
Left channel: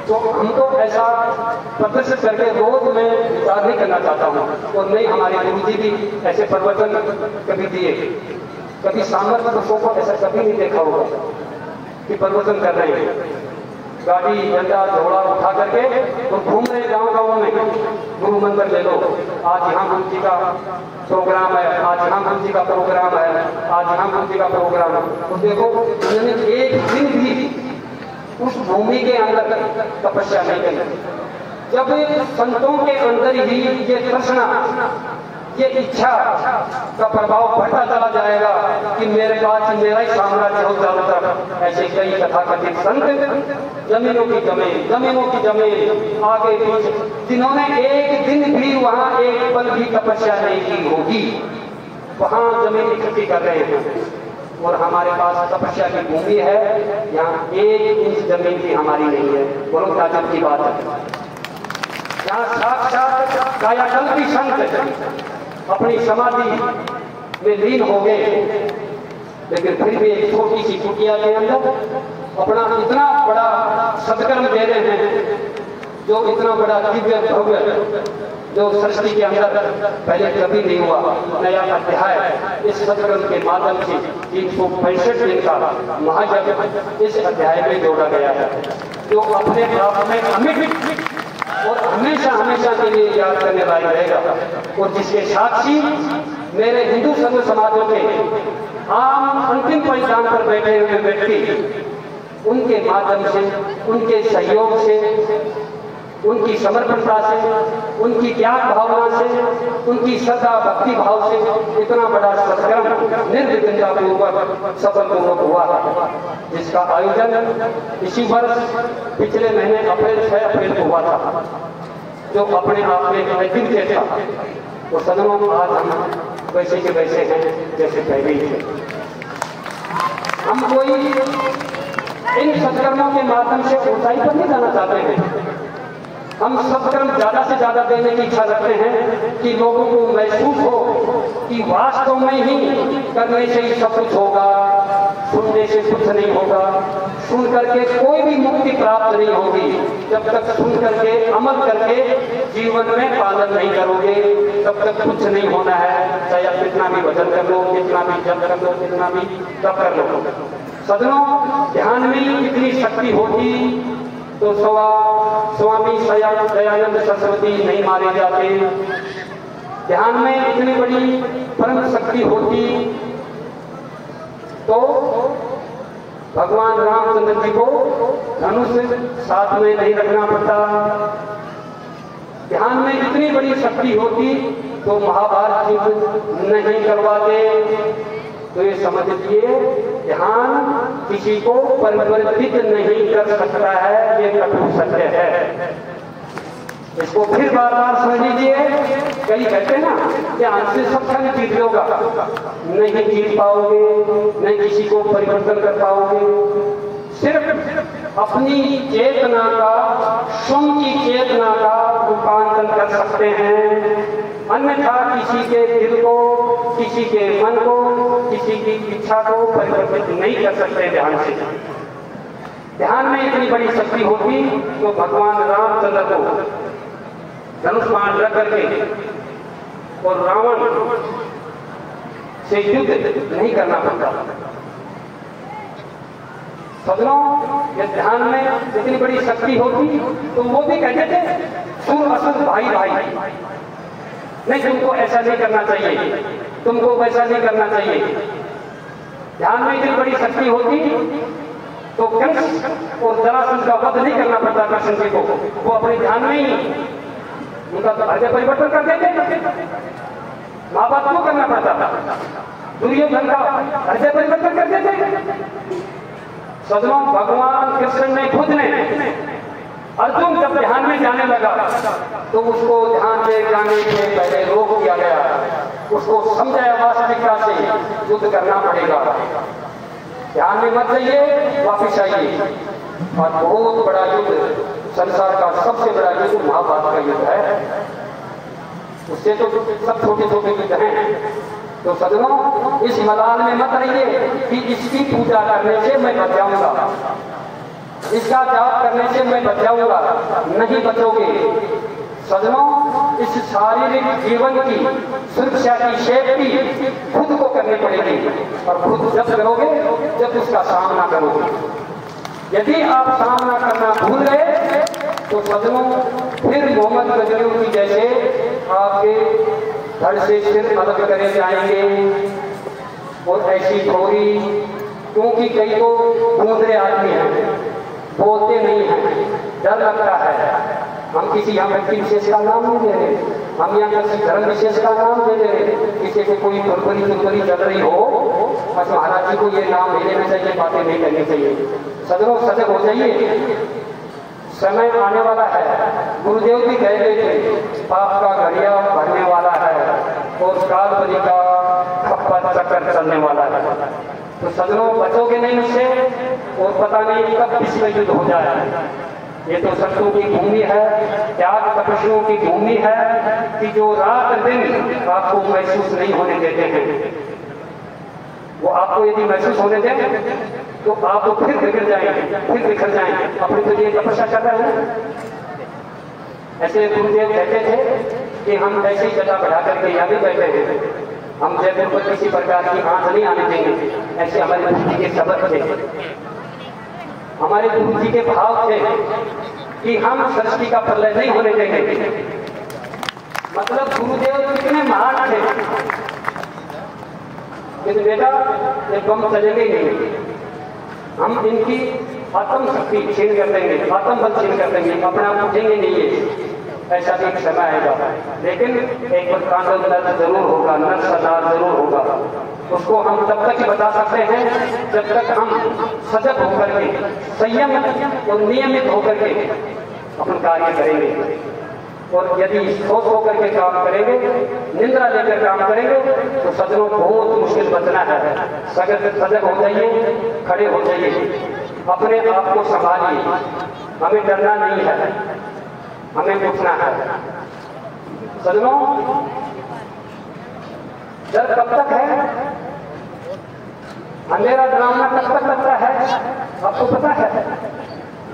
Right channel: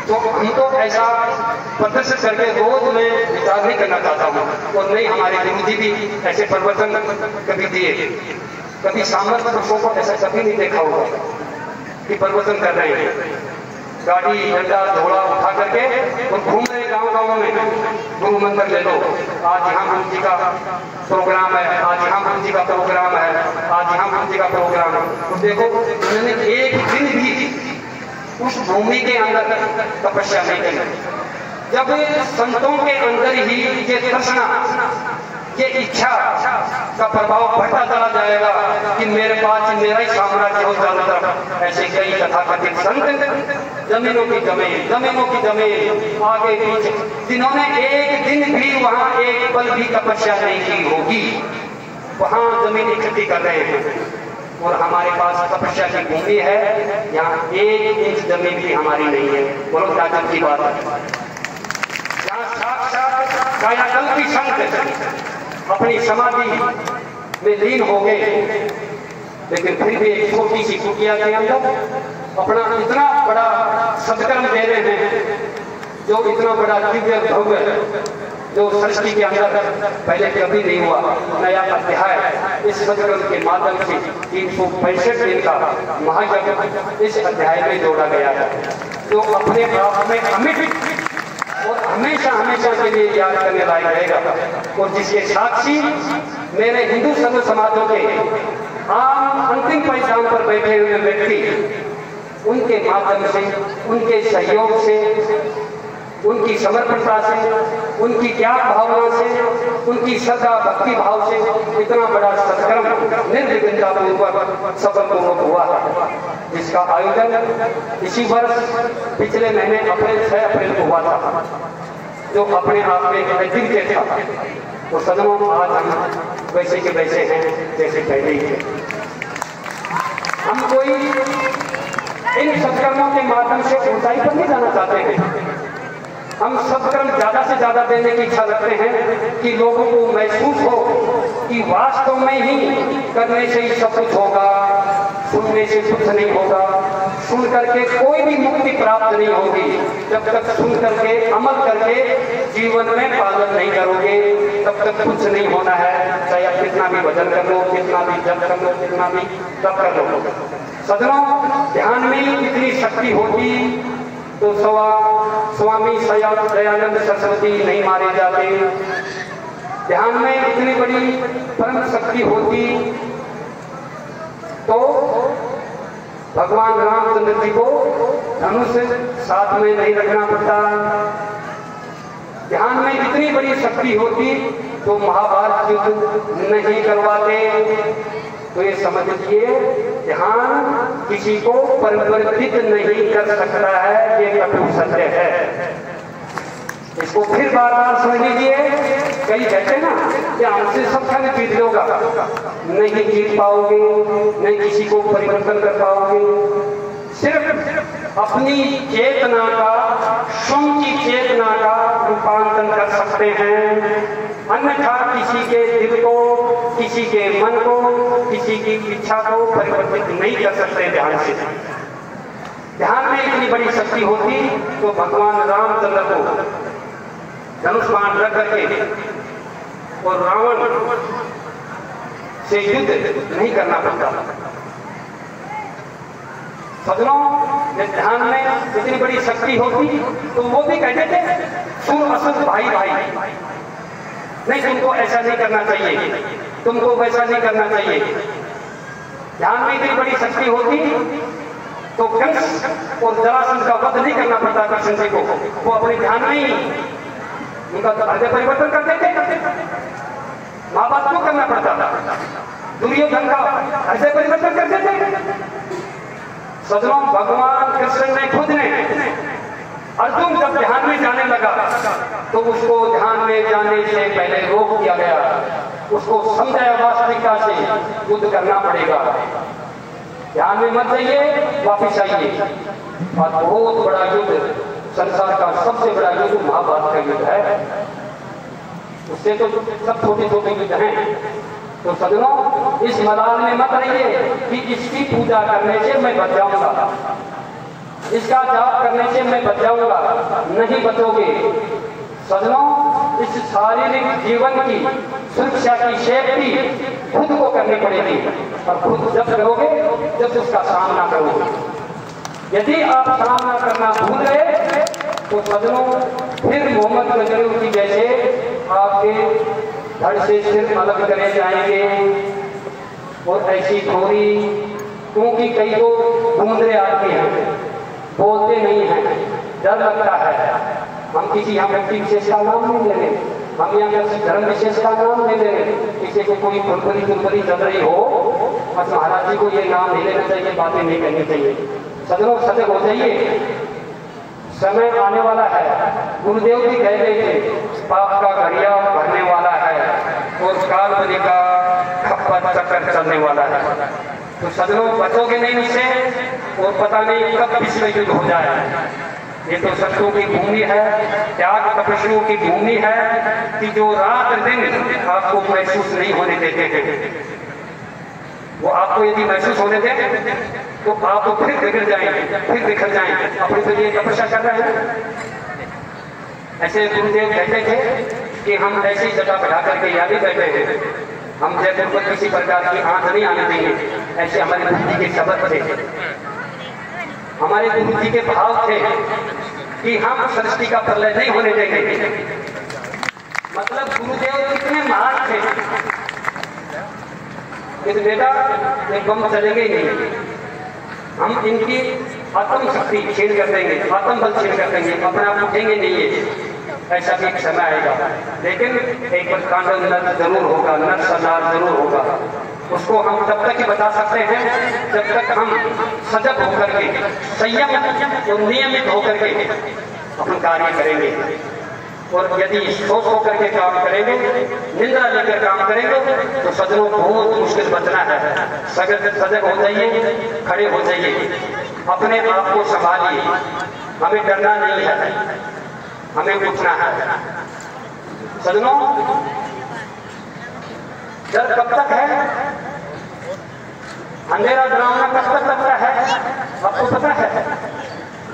तो हमको ऐसा प्रदर्शित करके रोज मैं विचार नहीं करना चाहता हूँ। और नहीं, हमारे गुरु जी भी ऐसे प्रवचन कभी दिए, कभी सामर्थ्य पुरुषों को ऐसा कभी नहीं देखा होगा कि प्रवचन कर रहे हैं, गाड़ी डंडा घोड़ा उठा करके और घूम रहे गांव में, गुरु मंदिर ले लो, आज यहाँ गुरु जी का प्रोग्राम है, आज यहाँ गुरु जी का प्रोग्राम है, आज यहाँ गुरु जी का प्रोग्राम है। तो देखो, उन्होंने एक दिन भी उस भूमि के अंदर तपस्या नहीं करी। जब संतों के अंदर ही ये तृष्णा, ये इच्छा का प्रभाव बढ़ता चला जाएगा कि मेरे पास मेरा ही साम्राज्य हो चारों तरफ, ऐसे कई तथाकथित संत जमीनों की जमीन, जमीनों की जमीन, आगे पीछे, जिन्होंने एक दिन भी वहां एक पल भी तपस्या नहीं की होगी, वहां जमीन इकट्ठी कर रहे हैं। और हमारे पास तपस्या की भूमि है, यहाँ 1 इंच जमीन भी हमारी नहीं है। बोलो ताकत की बात है। यहाँ साक्षात कायाकल्पी संत अपनी समाधि में लीन हो गए, लेकिन फिर भी एक छोटी सी कुटिया के अंदर अपना इतना बड़ा सत्कर्म दे रहे हैं जो इतना बड़ा दिव्य भव्य जो सृष्टि के अंदर पहले कभी नहीं हुआ, नया अध्याय इस सदगुरु के माध्यम से 365 दिन का महायज्ञ इस अध्याय में जोड़ा गया है, जो अपने आप में अमिट और हमेशा हमेशा के लिए याद करने लायक रहेगा, और जिसके साक्षी मेरे हिंदू संघ समाजों के आम अंतिम परिधान पर बैठे हुए व्यक्ति, उनके माध्यम से, उनके सहयोग से, उनकी समर्पणता से, उनकी ज्ञान भावना से, उनकी श्रद्धा भक्ति भाव से इतना बड़ा सत्कर्म निर्विघ्नतापूर्वक सफलपूर्वक हुआ है, जिसका आयोजन इसी वर्ष पिछले महीने 6 अप्रैल को हुआ था, जो अपने आप में एक अद्वितीय था। तो सदनों आज हम वैसे के वैसे हैं जैसे पहले ही थे। हम कोई इन सत्कर्मों के माध्यम से ऊंचाई पर नहीं जाना चाहते हैं, हम सत्कर्म ज्यादा से ज्यादा देने की इच्छा रखते हैं कि लोगों को महसूस हो कि वास्तव में ही करने से ही सब कुछ होगा, सुनने से कुछ नहीं होगा, सुन करके कोई भी मुक्ति प्राप्त नहीं होगी जब तक सुन करके अमल करके जीवन में पालन नहीं करोगे, तब तक कुछ नहीं होना है। चाहे आप कितना भी भजन कर लो, कितना भी जप कर लो, कितना भी तप कर लो। सदनों, ध्यान में इतनी शक्ति होगी तो स्वामी दयानंद सरस्वती नहीं मारे जाते। ध्यान में इतनी बड़ी परम शक्ति होती तो भगवान रामचंद्र जी को धनुष साथ में नहीं रखना पड़ता। ध्यान में इतनी बड़ी शक्ति होती तो महाभारत युद्ध नहीं करवाते। तो ये समझ लीजिए, ध्यान किसी को परिवर्तित नहीं कर सकता है, ये कटु सत्य है। इसको फिर बार बार समझ लीजिए। कई कहते हैं ना, ध्यान से सब खैर जीत लोगा, नहीं जीत पाओगे, नहीं किसी को परिवर्तन कर पाओगे। सिर्फ अपनी चेतना का, स्वयं की चेतना का रूपांतरण कर सकते हैं, अन्यथा किसी के दिल को, किसी के मन को, किसी की इच्छा को परिवर्तित नहीं कर सकते ध्यान से। ध्यान में इतनी बड़ी शक्ति होती तो भगवान रामचंद्र को धनुष बाण रख करके और रावण से युद्ध नहीं करना पड़ता। सदनों, ध्यान में इतनी बड़ी शक्ति होती तो वो भी कहते थे सुर असुर भाई भाई, नहीं तुमको ऐसा नहीं करना चाहिए, तुमको वैसा नहीं करना चाहिए। ध्यान में इतनी बड़ी शक्ति होती तो कंस और जरासंध का वध नहीं करना पड़ता कृष्ण जी को, वो अपने ध्यान में ही उनका हृदय परिवर्तन कर देते। माँ बाप को करना पड़ता था, दुर्योधन का हृदय परिवर्तन कर देते। सदनों, भगवान कृष्ण ने खुद ने अर्जुन जब ध्यान में जाने लगा तो उसको ध्यान में जाने से पहले रोक दिया गया, उसको समझाया वास्तविकता से युद्ध करना पड़ेगा, ध्यान में मत जाइए, वापिस आइए। और बहुत बड़ा युद्ध, संसार का सबसे बड़ा युद्ध महाभारत का युद्ध है, उससे तो सब छोटे छोटे युद्ध हैं। तो सदनों, इस मैदान में मत रहिए कि इसकी पूजा करने से मैं बच जाऊंगा, इसका जाप करने से मैं बच जाऊंगा, नहीं बचोगे। सदनों, इस शारीरिक जीवन की सुरक्षा की सेफ्टी खुद को करनी पड़ेगी, और खुद जब करोगे जब उसका सामना करोगे। यदि आप सामना करना भूल गए तो सदनों, फिर मोहम्मद गजनवी की जैसे आपके धड़ से सिर अलग करे जाएंगे और ऐसी थोड़ी, क्योंकि कई को घूमते आदमी हैं, बोलते नहीं हैं, डर लगता है। हम किसी यहाँ व्यक्ति विशेष का नाम नहीं ले रहे, हम यहाँ किसी धर्म विशेष का नाम ले रहे, किसी से कोई फुरफुरी चल रही हो, बस महाराज जी को ये नाम नहीं लेना चाहिए, बातें नहीं करनी चाहिए। सदनों, सजग हो जाइए, समय आने वाला है। गुरुदेव भी कह गए थे, पाप का घड़िया भरने वाला है और काल बलि का खप्पर चक्कर चलने वाला है। तो सदनों, बचोगे नहीं इससे, और पता नहीं कब विश्व युद्ध हो जाए। ये तो शत्रुओं की भूमि है, त्याग तपस्वियों की भूमि है कि जो रात दिन आपको महसूस नहीं होने देते हैं। वो आपको यदि महसूस होने दें तो आप तो फिर बिगड़ जाएंगे, फिर बिखर जाएंगे। अपने के लिए तपस्या कर रहे हैं, ऐसे गुरुदेव कहते थे कि हम ऐसी जगह बैठा करके यहाँ भी बैठे हैं, हम जयपुर को किसी प्रकार की आंच नहीं आने देंगे। ऐसे हमारे गुरु जी के शब्द थे, हमारे गुरु जी के भाव थे कि हम सृष्टि का प्रलय नहीं होने देंगे। मतलब गुरुदेव कितने महान थे कि बेटा एक बम चलेंगे ही नहीं, हम इनकी आत्म शक्ति छीन कर देंगे, आत्म बल छीन कर देंगे, अपने आप उठेंगे नहीं है। ऐसा भी एक समय आएगा, लेकिन एक तांडव नर जरूर होगा, नर सरदार जरूर होगा। उसको हम तब तक ही बता सकते हैं जब तक हम सजग होकर के, संयम और नियमित होकर के अपना कार्य करेंगे। और यदि सोच होकर के काम करेंगे, निंदा लेकर काम करेंगे, तो सजनों बहुत मुश्किल बचना है। सजग हो जाइए, खड़े हो जाइए, अपने आप को संभालिए। हमें डरना नहीं है, हमें उठना है। सजनों, डर कब तक है? अंधेरा डरावना कब तक लगता है? आपको पता है?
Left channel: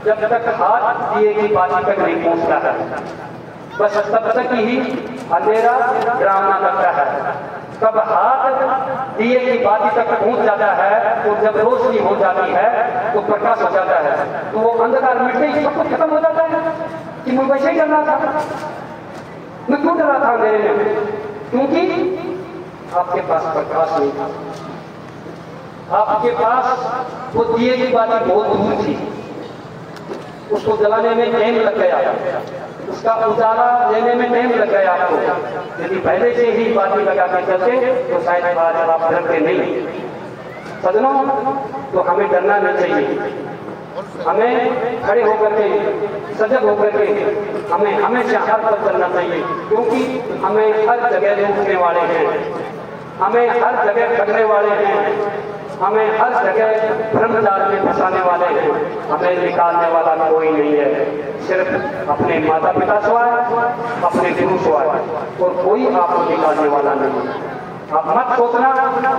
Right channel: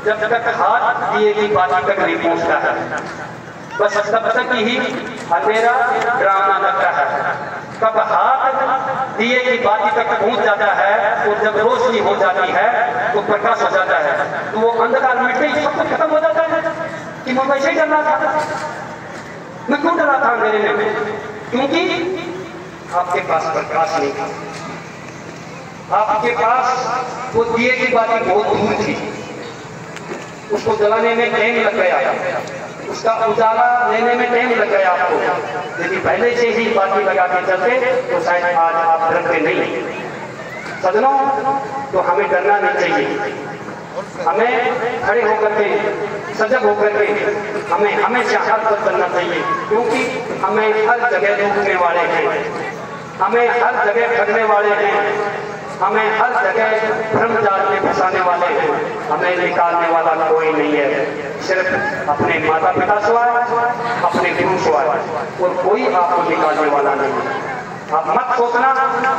जब तक हाथ दिए की बात तक नहीं पहुंचता है, बस तब तक ही अंधेरा डरावना लगता है। तब हाथ दिए की बात तक पहुंच जाता है, तो जब रोशनी हो जाती है तो प्रकाश हो जाता है, तो वो अंधकार मिटते ही सब कुछ खत्म हो जाता है। कि मैं वैसे ही डर रहा था, मैं क्यों डर रहा था अंधेरे में? क्योंकि आपके पास प्रकाश नहीं था, आपके पास वो दिए की बात बहुत दूर थी, उसको जलाने में टाइम लग गया, उसका उजाला लेने में टाइम लग गया आपको। लेकिन पहले से ही बाती लगा के चलते तो शायद आज आप डरते नहीं। सजनों, तो हमें डरना नहीं चाहिए, हमें खड़े होकर के, सजग होकर के हमें हमेशा हर पर चलना चाहिए। क्योंकि हमें हर जगह रोकने वाले हैं, हमें हर जगह ठगने वाले हैं, हमें हर जगह भ्रमजाल में फंसाने वाले हैं। हमें निकालने वाला कोई नहीं है, सिर्फ अपने माता पिता सिवाय, अपने गुरु सिवाय, और कोई आपको निकालने वाला नहीं। आप मत सोचना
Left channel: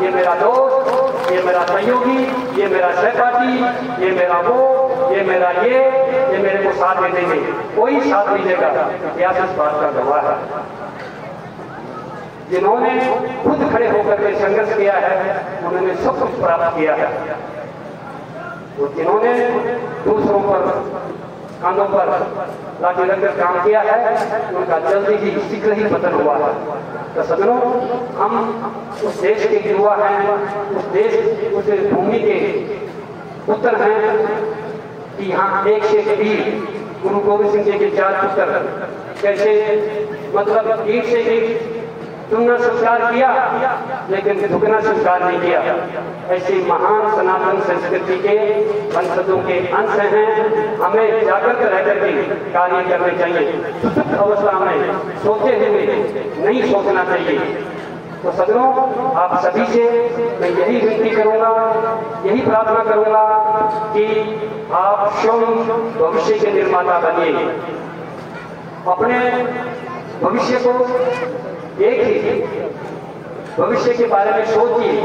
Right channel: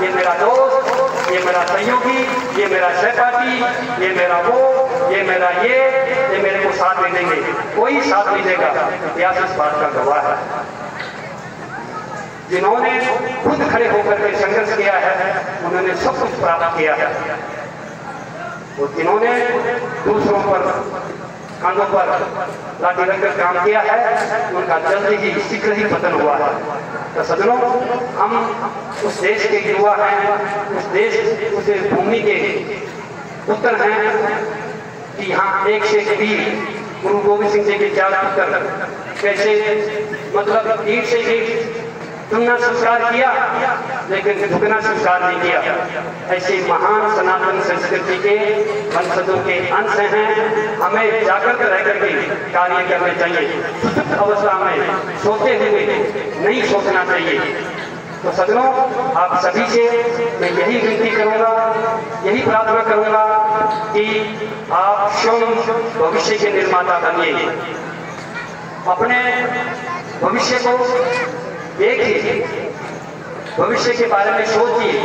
ये मेरा दोस्त, ये मेरा सहयोगी, ये मेरा सहपाठी, ये मेरा वो, ये मेरा ये मेरे को साथ दे देंगे। कोई साथ नहीं देगा। इतिहास इस बात का गवाह है। जिन्होंने खुद खड़े होकर के संघर्ष किया है, उन्होंने सब कुछ प्राप्त किया है। तो जिन्होंने दूसरों पर कांधों पर लाठी रखकर काम किया है, उनका जल्दी ही शीघ्र ही पतन हुआ है। तो सजनों, हम उस देश के युवा हैं, उस भूमि के पुत्र हैं कि यहाँ एक से एक वीर गुरु गोविंद सिंह जी के 4 पुत्र कैसे मतलब ईट से ईट चुनना संस्कार किया, लेकिन झुकना संस्कार नहीं किया। ऐसी महान सनातन संस्कृति के वंशजों के अंश हैं। हमें जागृत रह करके कार्य करने चाहिए, सुप्त अवस्था में सोते हुए नहीं सोचना चाहिए। तो सजनों, आप सभी से मैं यही विनती करूंगा, यही प्रार्थना करूंगा कि आप स्वयं भविष्य के निर्माता बनिए। अपने भविष्य को देखिए, भविष्य के बारे में सोचिए,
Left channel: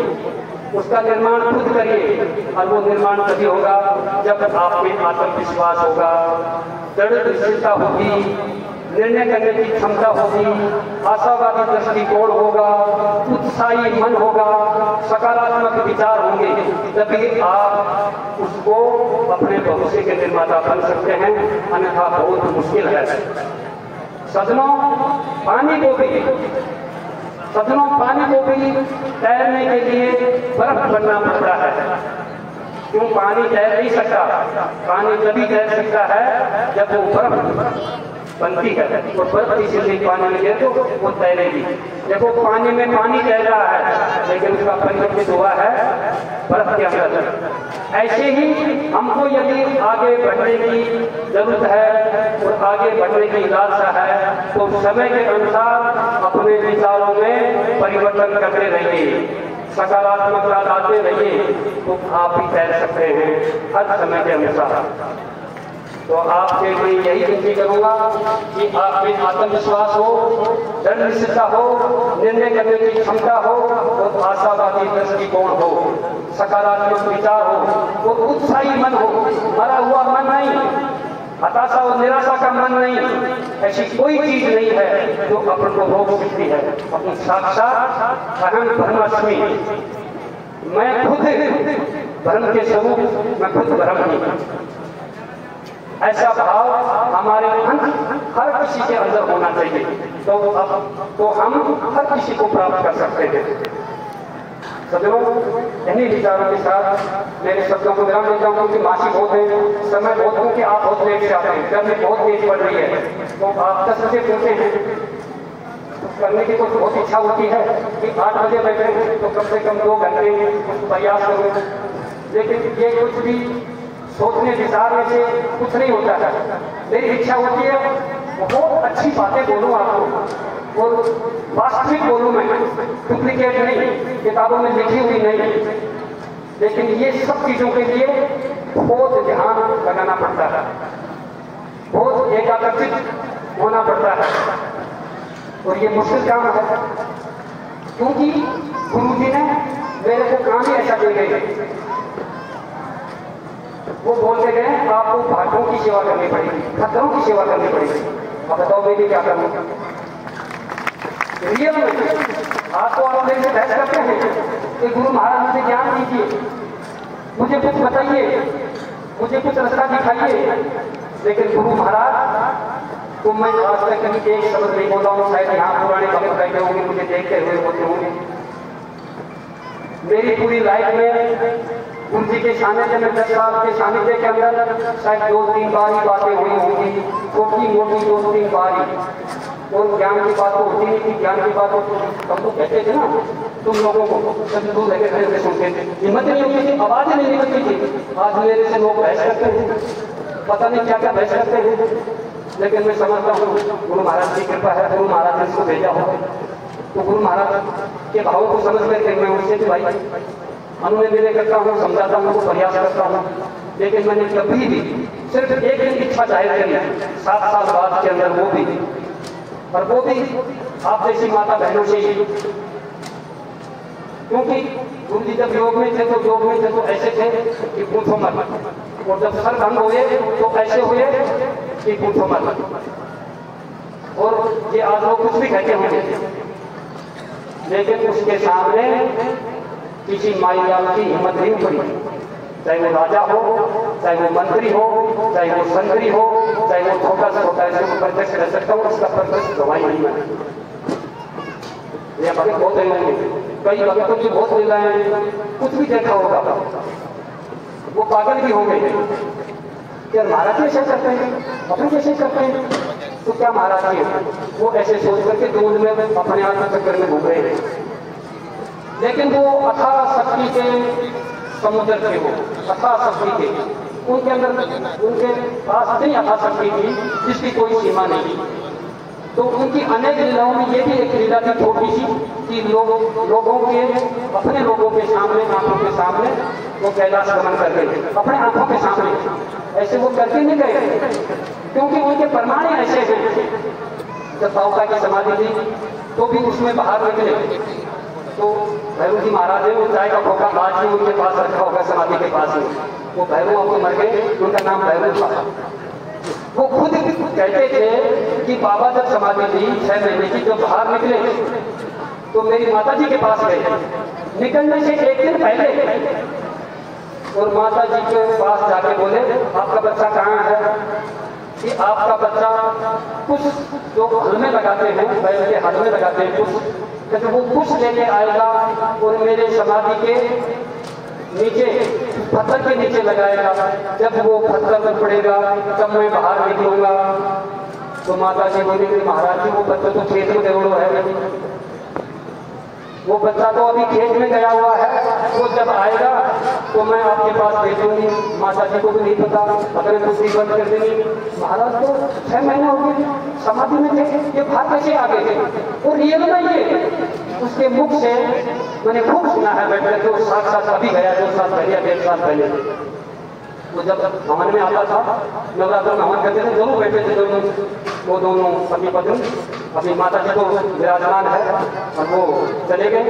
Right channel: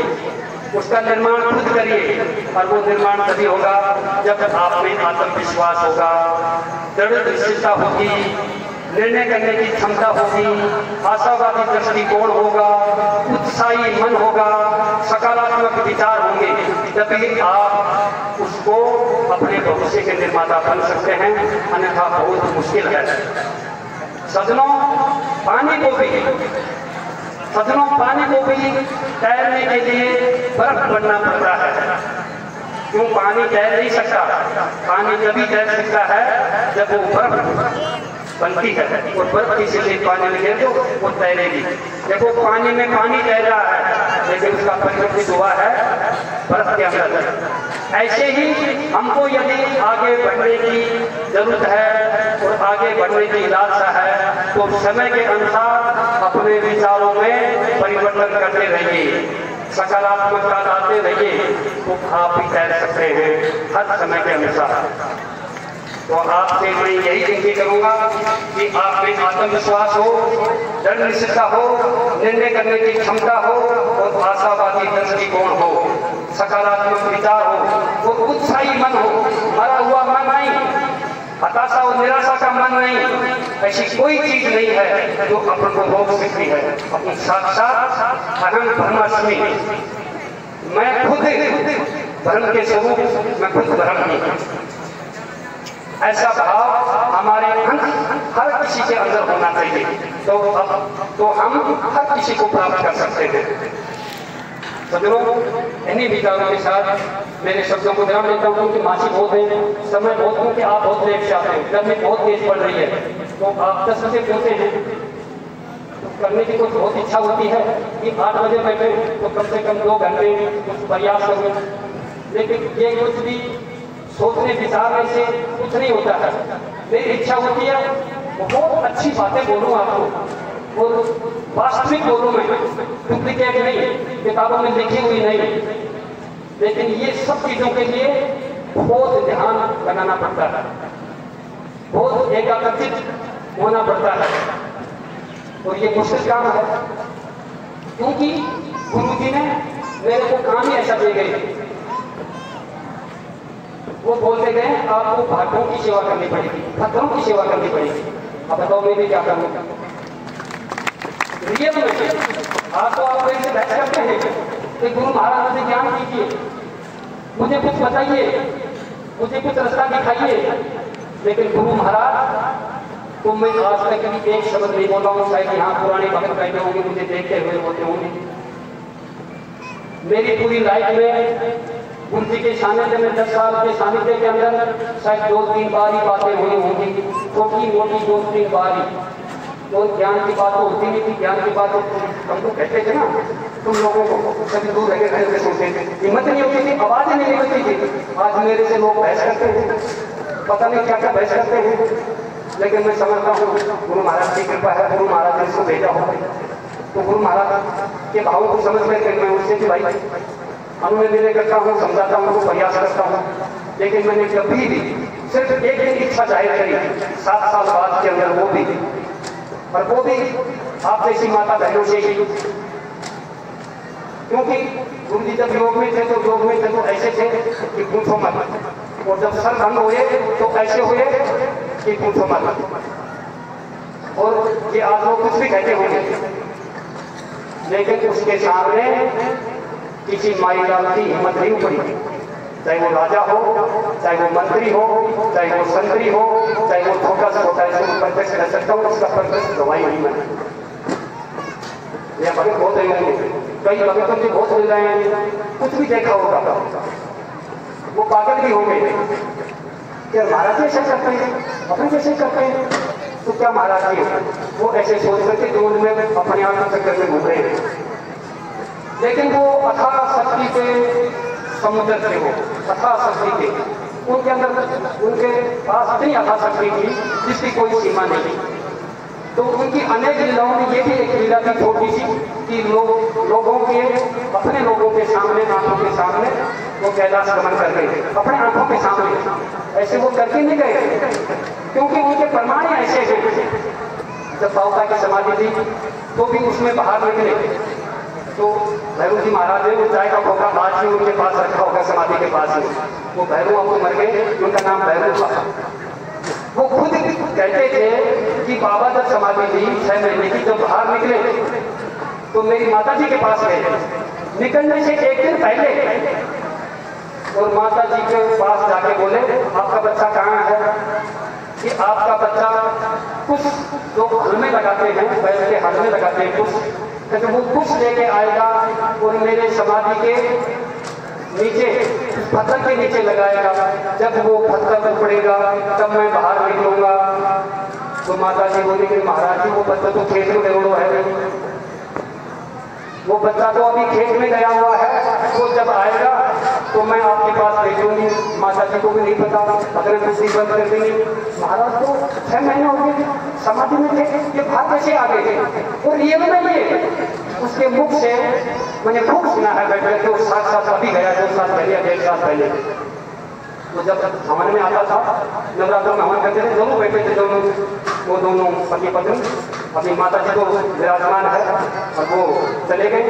उसका निर्माण खुद करिए। और वो निर्माण तभी होगा जब आप में आत्मविश्वास होगा, दृढ़ निश्चयता होगी, निर्णय करने की क्षमता होगी, आशावादी दृष्टिकोण होगा, उत्साही मन होगा, सकारात्मक विचार होंगे। तभी आप उसको अपने भविष्य के निर्माता बन सकते हैं, अन्यथा बहुत मुश्किल है। सजनों, पानी को भी तैरने के लिए बर्फ बनना पड़ता है। क्यों? पानी तैर नहीं सकता। पानी तभी तैर सकता है जब वो बर्फ बनती है, और बर्फ किसी से पानी में गिरे तो वो तैरेगी। देखो, पानी में पानी तैर रहा है, लेकिन उसका परिवर्तित हुआ है बर्फ के अंदर। ऐसे ही हमको यदि आगे बढ़ने की जरूरत है और आगे बढ़ने की लालसा है, तो समय के अनुसार अपने विचारों में परिवर्तन करते रहिए, सकारात्मकता लाते रहिए, तो आप भी तैर सकते हैं हर समय के अनुसार। तो आपसे मैं यही विनती करूंगा कि आप में आत्मविश्वास हो, दृढ़ निश्चयता हो, निर्णय करने की क्षमता हो, और आशावादी दृष्टिकोण हो, सकारात्मक विचार हो, और उत्साही मन हो, मरा हुआ मन नहीं। हताशा और निराशा का मन नहीं, ऐसी कोई चीज नहीं है जो अपन को रोक सकती है। अपनी साक्षात अहम ब्रह्मास्मि, मैं खुद धर्म के स्वरूप, मैं खुद धर्म नहीं। ऐसा भाव हमारे हर किसी के अंदर होना चाहिए, तो हम हर किसी को प्राप्त कर सकते हैं। सदनों, इन्हीं विचारों के साथ मेरे शब्दों को विराम देता हूँ कि मासी बहुत है, समय बहुत हूँ कि आप बहुत लेट से आते हैं, गर्मी बहुत तेज पड़ रही है, तो आप 10 बजे बोलते हैं करने की तो बहुत इच्छा होती है कि 8 बजे बैठे तो कम से कम 2 घंटे कुछ प्रयास करूँ, लेकिन ये कुछ भी सोचने विचारने से कुछ नहीं होता है। मेरी इच्छा होती है बहुत अच्छी बातें बोलूँ आपको, और वास्तविक बोलूँ मैं, डुप्लीकेट नहीं, किताबों में लिखी हुई नहीं। लेकिन ये सब चीजों के लिए बहुत ध्यान बनाना पड़ता है, बहुत एकाग्रचित होना पड़ता है, और ये मुश्किल काम है, क्योंकि गुरु जी ने मेरे को काम ही ऐसा दे गए। वो बोलते गए आपको भाटों की सेवा करनी पड़ेगी, खतरों की सेवा करनी पड़ेगी। अब बताओ मैं भी क्या करूँ? रियल में आपको आप मेरे से बहस करते हैं कि गुरु महाराज मुझे ज्ञान दीजिए, मुझे कुछ बताइए, मुझे कुछ रास्ता दिखाइए, लेकिन गुरु महाराज तो मैं आज तक कभी एक शब्द नहीं बोला हूँ। शायद यहाँ पुराने भगत बैठे होंगे, मुझे देखते हुए होते होंगे। मेरी पूरी लाइफ में गुरु जी के सानिध्य में 10 साल के सानिध्य के अंदर शायद 2-3 बार ही बातें हुई होंगी, छोटी मोटी 2-3 बार ही। तो ज्ञान की बात तो होती नहीं थी, ज्ञान की बात हम तो कहते थे ना, तुम लोगों को कभी दूर लगे खड़े से सुनते थे, हिम्मत नहीं होती थी, आवाज नहीं निकलती थी। आज मेरे से लोग बहस करते हैं, पता नहीं क्या क्या बहस करते हैं, लेकिन मैं समझता हूँ गुरु महाराज की कृपा है, गुरु महाराज ने इसको भेजा हो, तो गुरु महाराज के भावों को समझ करके मैं उससे भी भाई अनुनय विनय करता हूँ, समझाता हूँ, प्रयास करता हूँ। लेकिन मैंने कभी भी सिर्फ एक दिन इच्छा जाहिर करी 7 साल बाद के अंदर, वो भी, और वो भी आप जैसी माता बहनों से ही, क्योंकि गुरु जी जब योग में थे तो ऐसे थे कि पूछो मत, और जब सर भंग हुए तो ऐसे हुए कि पूछो मत। और ये आप लोग कुछ भी कहते होंगे, लेकिन उसके सामने किसी माई लाल की हिम्मत नहीं पड़ी, चाहे वो राजा हो, चाहे वो मंत्री हो, चाहे वो संतरी हो, चाहे वो छोटा सा होता है, इसको प्रत्यक्ष कर सकता हूँ, इसका प्रत्यक्ष गवाही नहीं है। ये भगत बहुत होंगे, कई भगतों की बहुत ले रहे हैं, कुछ भी देखा होगा, वो पागल भी हो गए कि महाराज ऐसे करते हैं, अपन कैसे करते हैं, तो क्या महाराज जी वो ऐसे सोच करके दूध में अपने आप को चक्कर में घूम रहे हैं। लेकिन वो अथाह शक्ति के समुद्र थे, वो अथाह शक्ति थे, उनके अंदर उनके पास इतनी अथाह शक्ति थी जिसकी कोई सीमा नहीं थी। तो उनकी अनेक लीलाओं में ये भी एक लीला थी छोटी सी कि लोगों के, अपने लोगों के सामने, आंखों के सामने वो कैलाश गमन कर गए, अपने आंखों के सामने। ऐसे वो करके नहीं गए, क्योंकि उनके प्रमाण ऐसे हैं। जब बाबा की समाधि थी तो भी उसमें बाहर निकले, तो भैरू जी महाराज ने चाय का खोखा आज भी उनके पास रखा होगा, समाधि के पास ही। वो भैरू आपको मर गए, उनका नाम भैरू था। वो खुद कहते थे कि बाबा जब समाधि थी 6 महीने की, जब बाहर निकले तो मेरी माता जी के पास गए, निकलने से 1 दिन पहले, और माता जी के पास जाके बोले आपका बच्चा कहाँ है? कि आपका बच्चा कुछ लोग हल में लगाते हैं, पैर के हल में लगाते हैं कुछ, तो वो कुछ लेके आएगा और मेरे समाधि के नीचे, पत्थर के नीचे लगाएगा। जब वो पत्थर उपड़ेगा तब मैं बाहर निकलूंगा। तो माता जी बोली कि महाराज जी वो बच्चा तो खेत में गया है, वो बच्चा तो अभी खेत में गया हुआ है, वो जब आएगा तो मैं आपके पास भेजूंगी। माता जी को भी नहीं पता, अगर कुर्सी बंद कर देंगे। महाराज तो 6 महीने हो गए समाधि में थे, ये बात कैसे आ गए थे? और रियल में ये उसके मुख से मैंने खूब सुना है बैठ करके, वो 7 साल अभी गया, 2 साल पहले, 1.5 साल पहले। वो जब हवन में आता था, नवरात्र में हवन करते थे, दोनों बैठे थे, वो दोनों पति पत्नी। अभी माता जी तो विराजमान है और वो चले गए।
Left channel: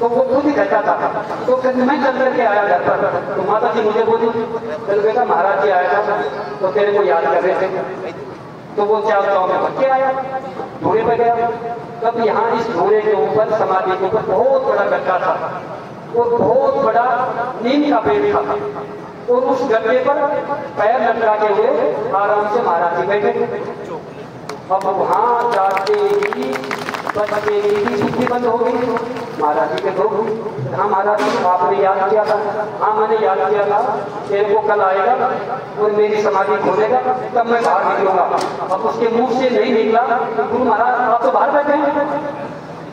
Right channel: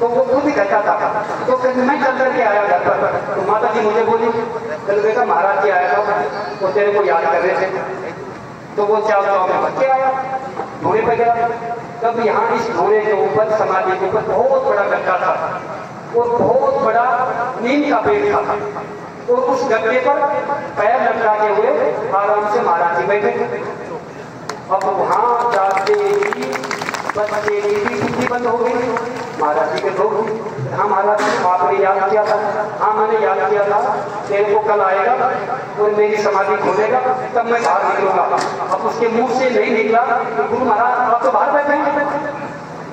तो वो खुद ही कहता था। तो कहते मैं चल करके आया घर पर, तो माता जी मुझे बोली चलो बेटा महाराज जी आया था तो तेरे को याद कर रहे थे। तो वो चाव चाव में भटके आया, धोने पे गया। तब यहाँ इस धोने के ऊपर समाधि के ऊपर बहुत बड़ा गड्ढा था और बहुत बड़ा नीम का पेड़ था और उस गड्ढे पर पैर लटका के हुए आराम से महाराज जी बैठे। अब वहां जाते ही बच्चे की भी छुट्टी बंद हो गई। महाराज जी के लोग, हाँ महाराज जी आपने याद किया था? हाँ मैंने याद किया था, तेरे को कल आएगा और मेरी समाधि खोलेगा तब मैं बाहर निकलूंगा। अब उसके मुंह से नहीं निकला तो गुरु महाराज आप तो बाहर बैठे हैं,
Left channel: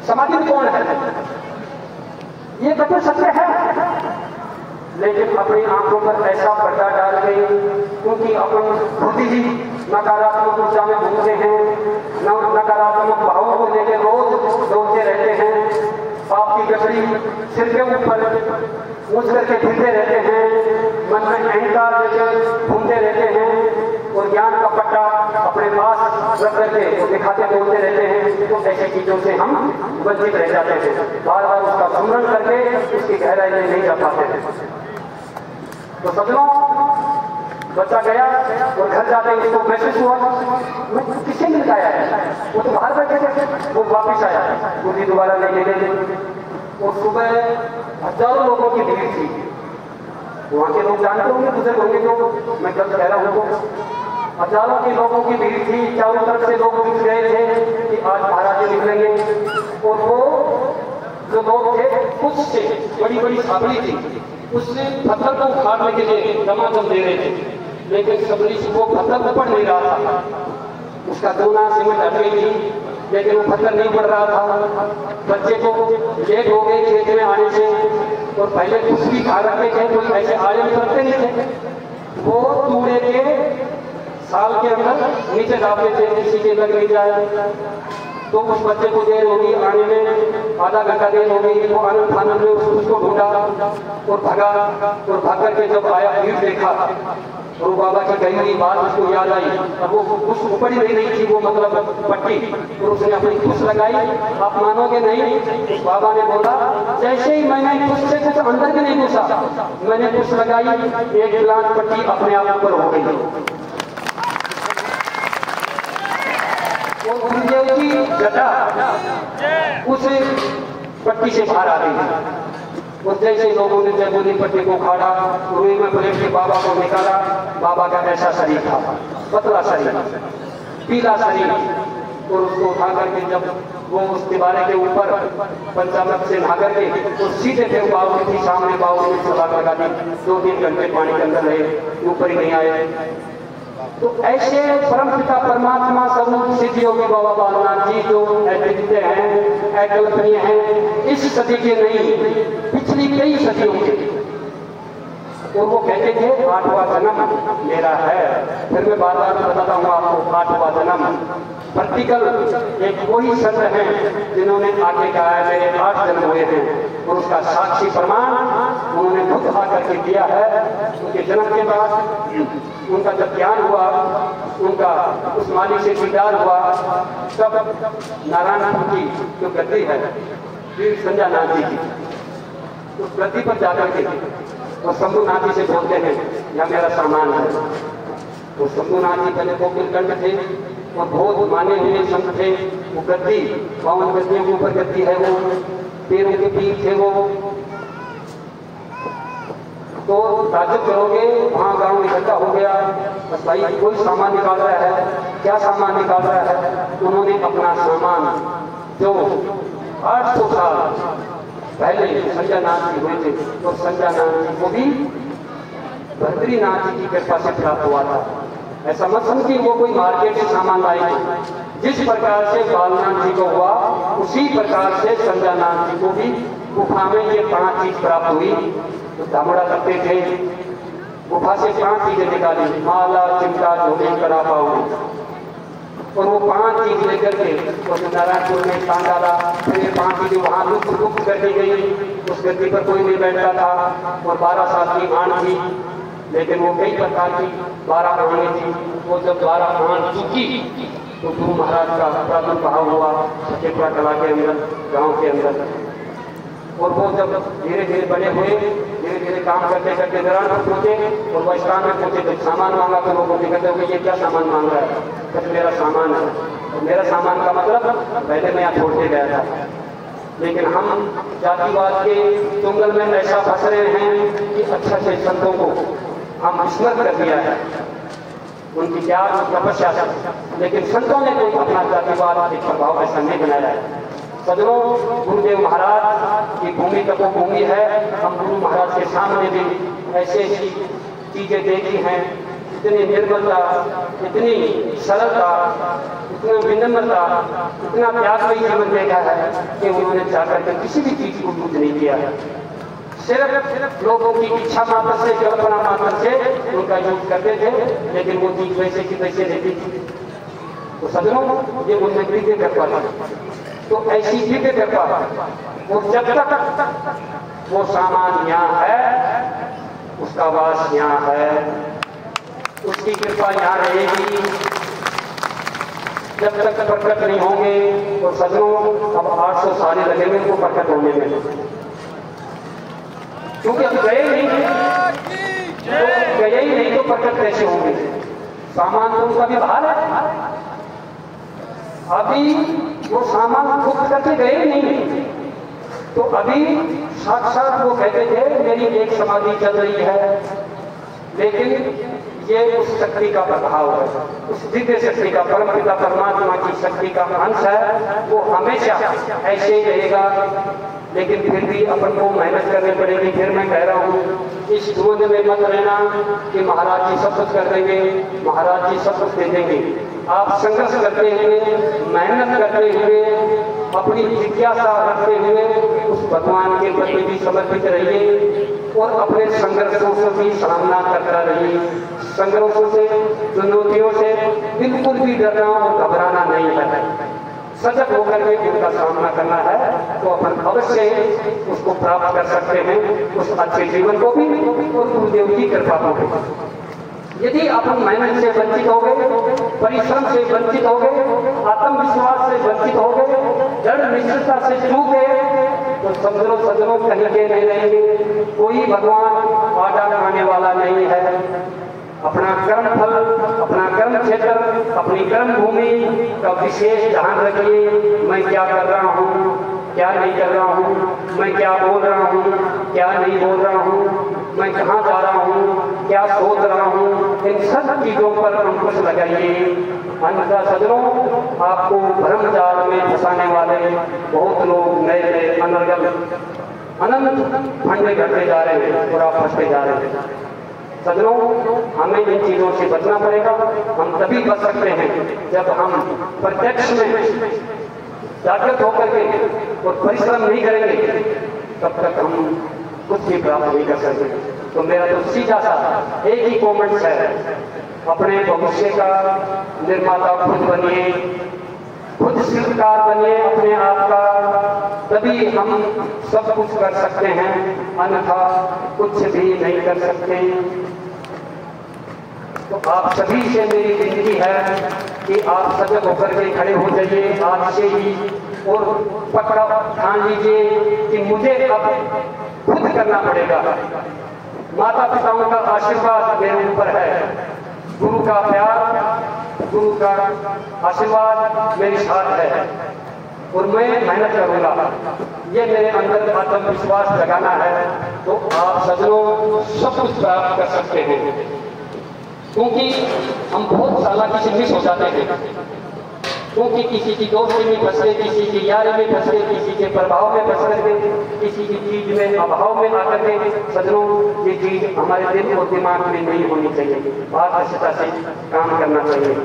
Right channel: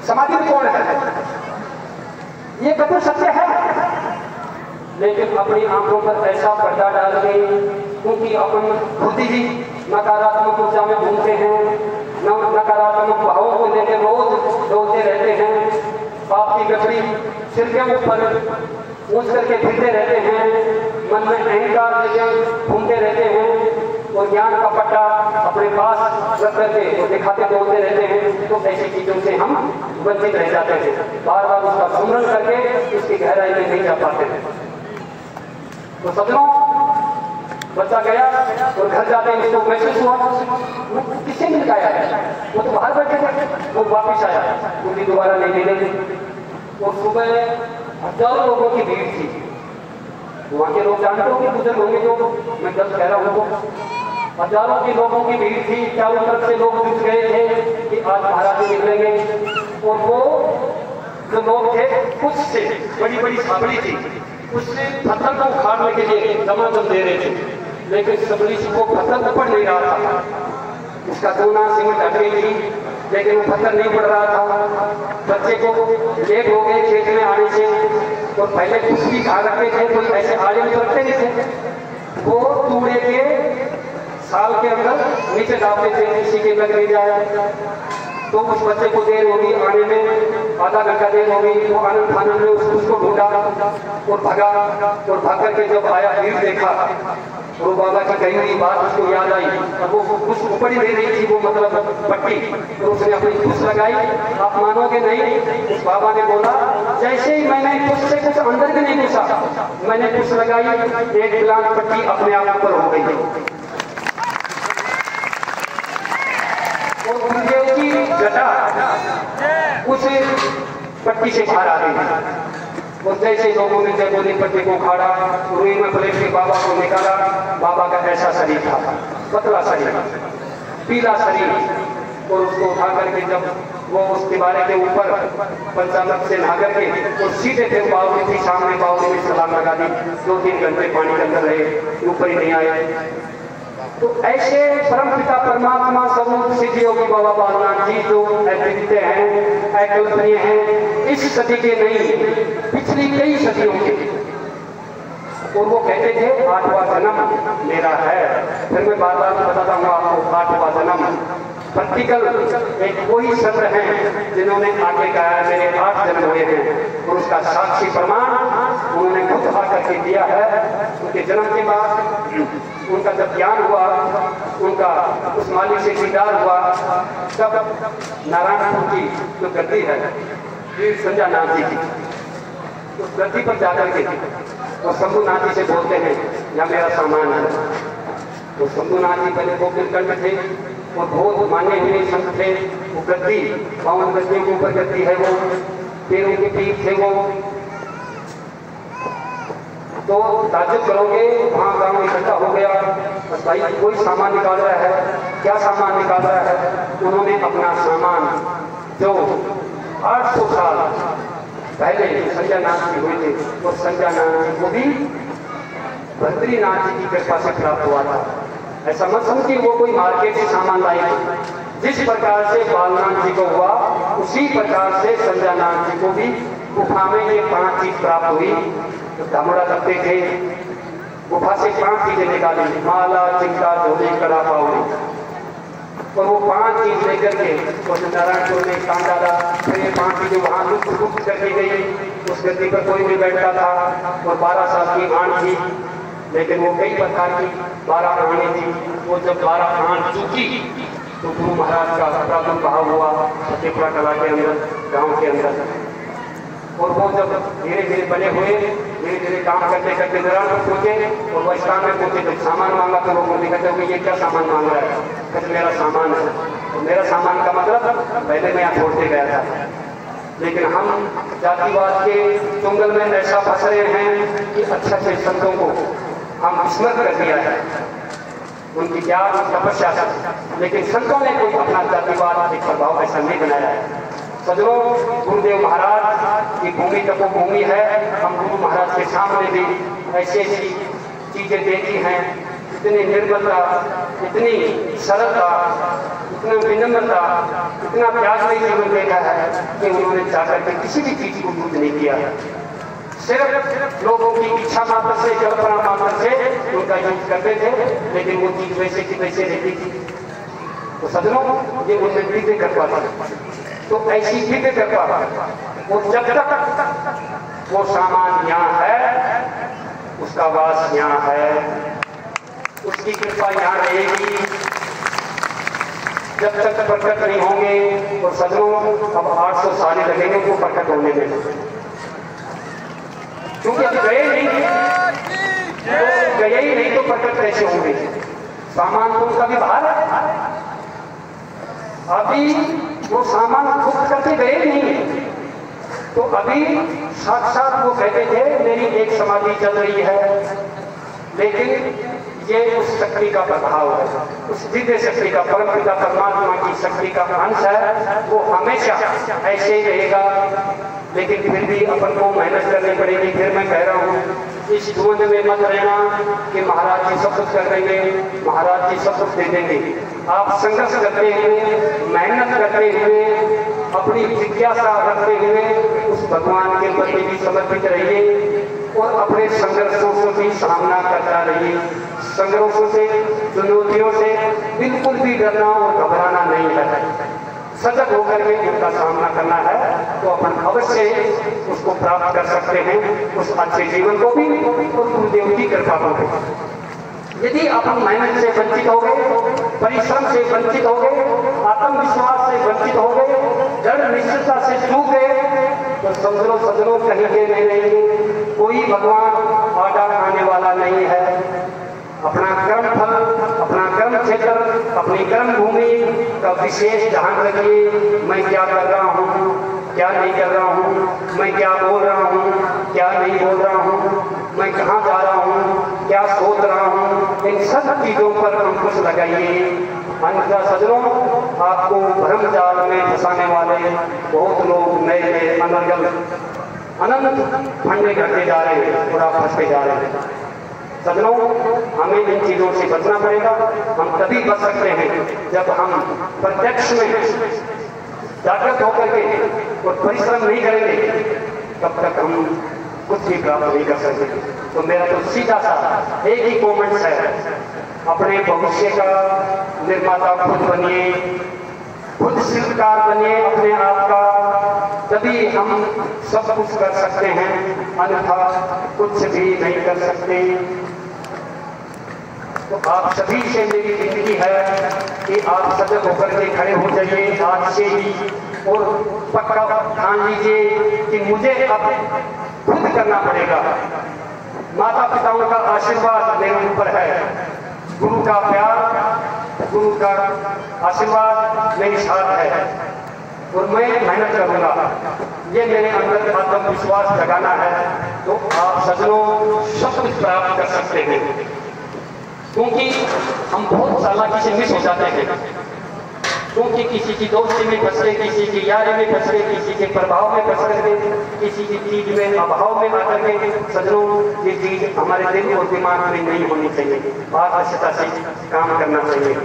समाधि में कौन है? ये कथन सत्य है, लेकिन अपनी आंखों पर ऐसा पर्दा डाल गई क्योंकि अपन खुद ही नकारात्मक ऊर्जा में घूमते हैं, नकारात्मक भावों को लेकर रोज डोलते रहते हैं, पाप की गठरी सिर के ऊपर ऊंच करके फिरते रहते हैं, मन में अहंकार लेकर घूमते रहते हैं और ज्ञान का पट्टा अपने पास रख करके तो दिखाते डोलते रहते हैं। तो ऐसी चीजों से हम वंचित रह जाते हैं, बार बार उसका स्मरण करके इसकी गहराई में नहीं जा पाते हैं। तो सदनों बच्चा गया और घर जाते ही उसको महसूस हुआ किससे मिल पाया है, वो तो बाहर बैठे थे। वो वापिस आया, मुझे दोबारा नहीं मिले थे और सुबह हजारों लोगों की भीड़ थी। वहां के लोग जानते होंगे, बुजुर्ग होंगे, तो मैं जब कह रहा हूं तो हजारों के लोगों की भीड़ थी। चारों तरफ से लोग जुट गए थे कि आज महाराज जी निकलेंगे। और वो जो लोग थे उससे बड़ी बड़ी छापड़ी थी, उससे पत्थर को उखाड़ने के लिए दमादम दे रहे थे, लेकिन सबरी को पत्थर ऊपर नहीं रहा था। उसका दोना सीमेंट हट गई थी लेकिन वो पत्थर नहीं पड़ रहा था। बच्चे को लेट हो गए खेत में आने से और पहले कुछ भी खा रखे थे, कोई ऐसे आड़े में करते नहीं थे। वो कूड़े के साल के अंदर नीचे डालते थे, किसी के लग नहीं जाए। तो उस बच्चे को देर होगी आने में, आधा घंटा देर होगी। वो आनंद फानंद में उसको ढूंढा और भगा और भाग करके जब आया भीड़ देखा और बाबा की कही हुई बात उसको याद आई। अब वो कुछ ऊपर ही नहीं रही थी, वो मतलब पट्टी, तो उसने अपनी कुछ लगाई। आप मानोगे नहीं, उस बाबा ने बोला जैसे ही मैंने कुछ से कुछ अंदर भी नहीं घुसा, मैंने कुछ लगाई, एक लाख पट्टी अपने आप ऊपर हो गई और गुरुदेव की जटा उस पट्टी से बाहर आ गई। और जैसे लोगों ने जगोली पट्टी को उखाड़ा, रुई में प्लेट के बाबा को निकाला। बाबा का ऐसा शरीर था, पतला शरीर, पीला शरीर। और उसको उठा करके जब वो उस दीवारे के ऊपर पंचामृत से नहा करके तो सीधे फिर बावली थी सामने, बावली में सवाल लगा दी। 2-3 घंटे पानी के अंदर रहे, ऊपर ही नहीं आए। तो ऐसे परम पिता परमात्मा स्वरूप सिद्ध योगी बाबा बालनाथ जी जो अद्वितीय हैं, अकल्पनीय हैं, इस सदी के नहीं पिछली कई सदियों के। और वो कहते थे 8वां जन्म मेरा है। फिर मैं बार बार बताता हूँ आपको, 8वां जन्म प्रैक्टिकल एक वही शब्द हैं जिन्होंने आगे कहा है मेरे 8 जन्म हुए हैं, और उसका साक्षी प्रमाण उन्होंने खुद आकर के दिया है। उनके जन्म के बाद उनका जब ज्ञान हुआ, उनका उस मालिक से दीदार हुआ, तब नारायणपुर की जो गद्दी है वीर संजय नाथ जी की, उस गद्दी पर जाकर के और शंभुनाथ जी से बोलते हैं या मेरा सामान है। तो शंभुनाथ जी पहले गोपिलकंड थे और बहुत माने हुए संत थे। वो गद्दी 52 गद्दियों के ऊपर गद्दी है, वो पैरों के पीर थे वो। तो ताजुब करोगे, वहाँ गांव इकट्ठा हो गया, बस भाई कोई सामान निकाल रहा है, क्या सामान निकाल रहा है? उन्होंने अपना सामान जो 800 साल पहले संजय नाथ जी हुए थे, तो संजय नाथ जी को भी बद्रीनाथ जी की कृपा से प्राप्त हुआ था। ऐसा मत समझिए वो कोई मार्केट से सामान लाए। जिस प्रकार से बालनाथ जी को हुआ, उसी प्रकार से संजय नाथ जी को भी गुफा में ये 5 चीज प्राप्त हुई। तो धामड़ा करते थे, गुफा से 5 चीजें निकाली, माला, चिमटा, झोली, कड़ा, पावड़ी। और वो 5 चीज लेकर के नारायणपुर में काम डाला। फिर ये 5 चीजें वहां लुप्त कर दी गई। उस गद्दी पर कोई नहीं बैठता था और 12 साल की आण थी, लेकिन वो कई प्रकार की 12 आने थी। वो जब 12 आण चुकी तो गुरु महाराज का प्रादुर्भाव हुआ सत्यपुरा कला के अंदर, गांव के अंदर। और वो जब धीरे धीरे बने हुए, धीरे धीरे काम करते करते दौरान पहुंचे और वो इस्लाम में पहुंचे तो सामान मांगा तो लोग कहते हो ये क्या सामान मांग रहा है? कहते मेरा सामान है। और मेरा सामान का मतलब पहले मैं यहाँ छोड़ते गया था, लेकिन हम जातिवाद के चुंगल में ऐसा फंस रहे हैं कि अच्छे से संतों को हम विस्मृत कर दिया है, उनकी क्या तपस्या से, लेकिन संतों ने कोई अपना जातिवाद एक प्रभाव ऐसा नहीं बनाया है। सदरों, गुरुदेव महाराज की भूमि तपोभूमि है। हम गुरु महाराज के सामने भी ऐसी ऐसी चीजें देखी हैं, इतनी निर्मलता, इतनी सरलता, इतना विनम्रता, इतना त्यागमयी जीवन देखा है कि उन्होंने चाहकर के किसी भी चीज को यूज नहीं किया, सिर्फ लोगों की इच्छा मात्र से, कल्पना मात्र से उनका यूज करते थे, लेकिन वो चीज वैसे की वैसे रहती थी। तो सदनों, ये उन्होंने दिव्य कृपा था। तो ऐसी दिव्य कृपा वो जब तक वो सामान यहाँ है, उसका वास यहाँ है, उसकी कृपा यहाँ रहेगी, जब तक प्रकट नहीं होंगे। और सदनों, अब 800 साल लगेंगे उनको प्रकट होने में, क्योंकि अब गए ही नहीं तो प्रकट कैसे होंगे? सामान तो उनका भी बाहर है, अभी वो सामान खुद करके गए नहीं। तो अभी साक्षात वो कहते थे मेरी एक समाधि चल रही है, लेकिन ये उस शक्ति का प्रभाव है, उस दिव्य शक्ति का, परमपिता परमात्मा की शक्ति का अंश है। वो हमेशा ऐसे ही रहेगा, लेकिन फिर भी अपन को मेहनत करनी पड़ेगी। फिर मैं कह रहा हूँ, इस द्वंद में मत रहना कि महाराज जी सब कुछ कर देंगे, महाराज जी सब कुछ दे देंगे। आप संघर्ष करते हुए, मेहनत करते हुए, अपनी जिज्ञासा रखते हुए उस भगवान के प्रति भी समर्पित रहिए और अपने संघर्षों से भी सामना करता रहिए। संघर्षों से, चुनौतियों से बिल्कुल भी डरना और घबराना नहीं है, सजग होकर के उनका सामना करना है, तो अपन अवश्य उसको प्राप्त कर सकते हैं, उस अच्छे जीवन को भी और गुरुदेव की कृपा को भी। यदि अपन मेहनत से वंचित हो गए, परिश्रम से वंचित हो गए, आत्मविश्वास से वंचित हो गए, दृढ़ निश्चयता से चूक गए, तो समझो सदनों कहीं के नहीं रहेंगे। कोई भगवान आड़ा आने वाला नहीं है। अपना कर्म फल, अपना कर्म क्षेत्र, अपनी कर्म भूमि का विशेष ध्यान रखिए। मैं क्या कर रहा हूँ, क्या नहीं कर रहा हूँ, मैं क्या बोल रहा हूँ, क्या नहीं बोल रहा हूँ, मैं कहाँ जा रहा हूँ, क्या सोच रहा हूँ, इन सब चीजों पर अंकुश लगाइए। अन्यथा सदनों, आपको भ्रम जाल में फंसाने वाले बहुत लोग नए नए अनंत फंडे करते जा रहे हैं और आप फंसते जा रहे हैं। सदनों, हमें इन चीजों से बचना पड़ेगा। हम तभी बच सकते हैं जब हम प्रत्यक्ष में जागृत होकर के और परिश्रम नहीं करेंगे, तब तक हम कुछ भी प्राप्त नहीं कर सकते। तो मेरा तो सीधा सा एक ही कमेंट्स है, अपने भविष्य का निर्माता खुद बनिए, खुद शिल्पकार बनिए अपने आप का, तभी हम सब कुछ कर सकते हैं, अन्यथा कुछ भी नहीं कर सकते। तो आप सभी से मेरी विनती है कि आप सजग होकर के खड़े हो जाइए आज से ही, और पक्का ठान लीजिए कि मुझे अब खुद करना पड़ेगा। माता पिताओं का आशीर्वाद मेरे ऊपर है, गुरु का प्यार, गुरु का आशीर्वाद मेरे साथ है, और मैं मेहनत करूंगा। ये मेरे अंदर आत्मविश्वास जगाना है, तो आप सजनों सब कुछ प्राप्त कर सकते हैं। क्योंकि हम बहुत चालाकी से मिस हो जाते हैं, क्योंकि किसी की दोस्ती में फंस गए, किसी की यारी में फंस गए, किसी के प्रभाव में फंस गए, किसी की चीज में अभाव में आकर के। सजनों, ये चीज हमारे दिल और दिमाग में नहीं होनी चाहिए, पारदर्शिता से काम करना चाहिए।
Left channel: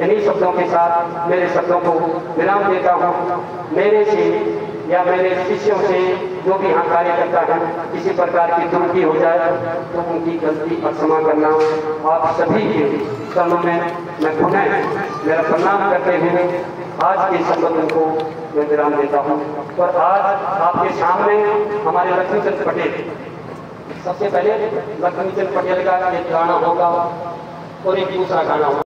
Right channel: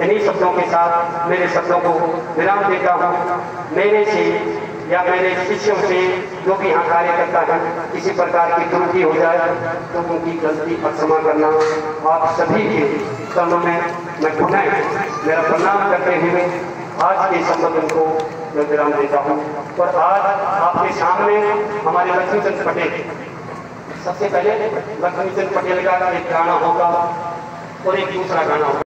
इन्हीं शब्दों के साथ मेरे शब्दों को विराम देता हूँ। मेरे से या मेरे शिष्यों से जो भी यहाँ कार्य करता है, किसी प्रकार की त्रुटि हो जाए तो उनकी गलती क्षमा करना। आप सभी के चरणों में मैं पुनः मेरा प्रणाम करते हुए आज के संबोधन को मैं विराम देता हूँ। और आज आपके सामने हमारे लक्ष्मीचंद पटेल, सबसे पहले लक्ष्मीचंद पटेल का एक गाना होगा और एक दूसरा गाना होगा।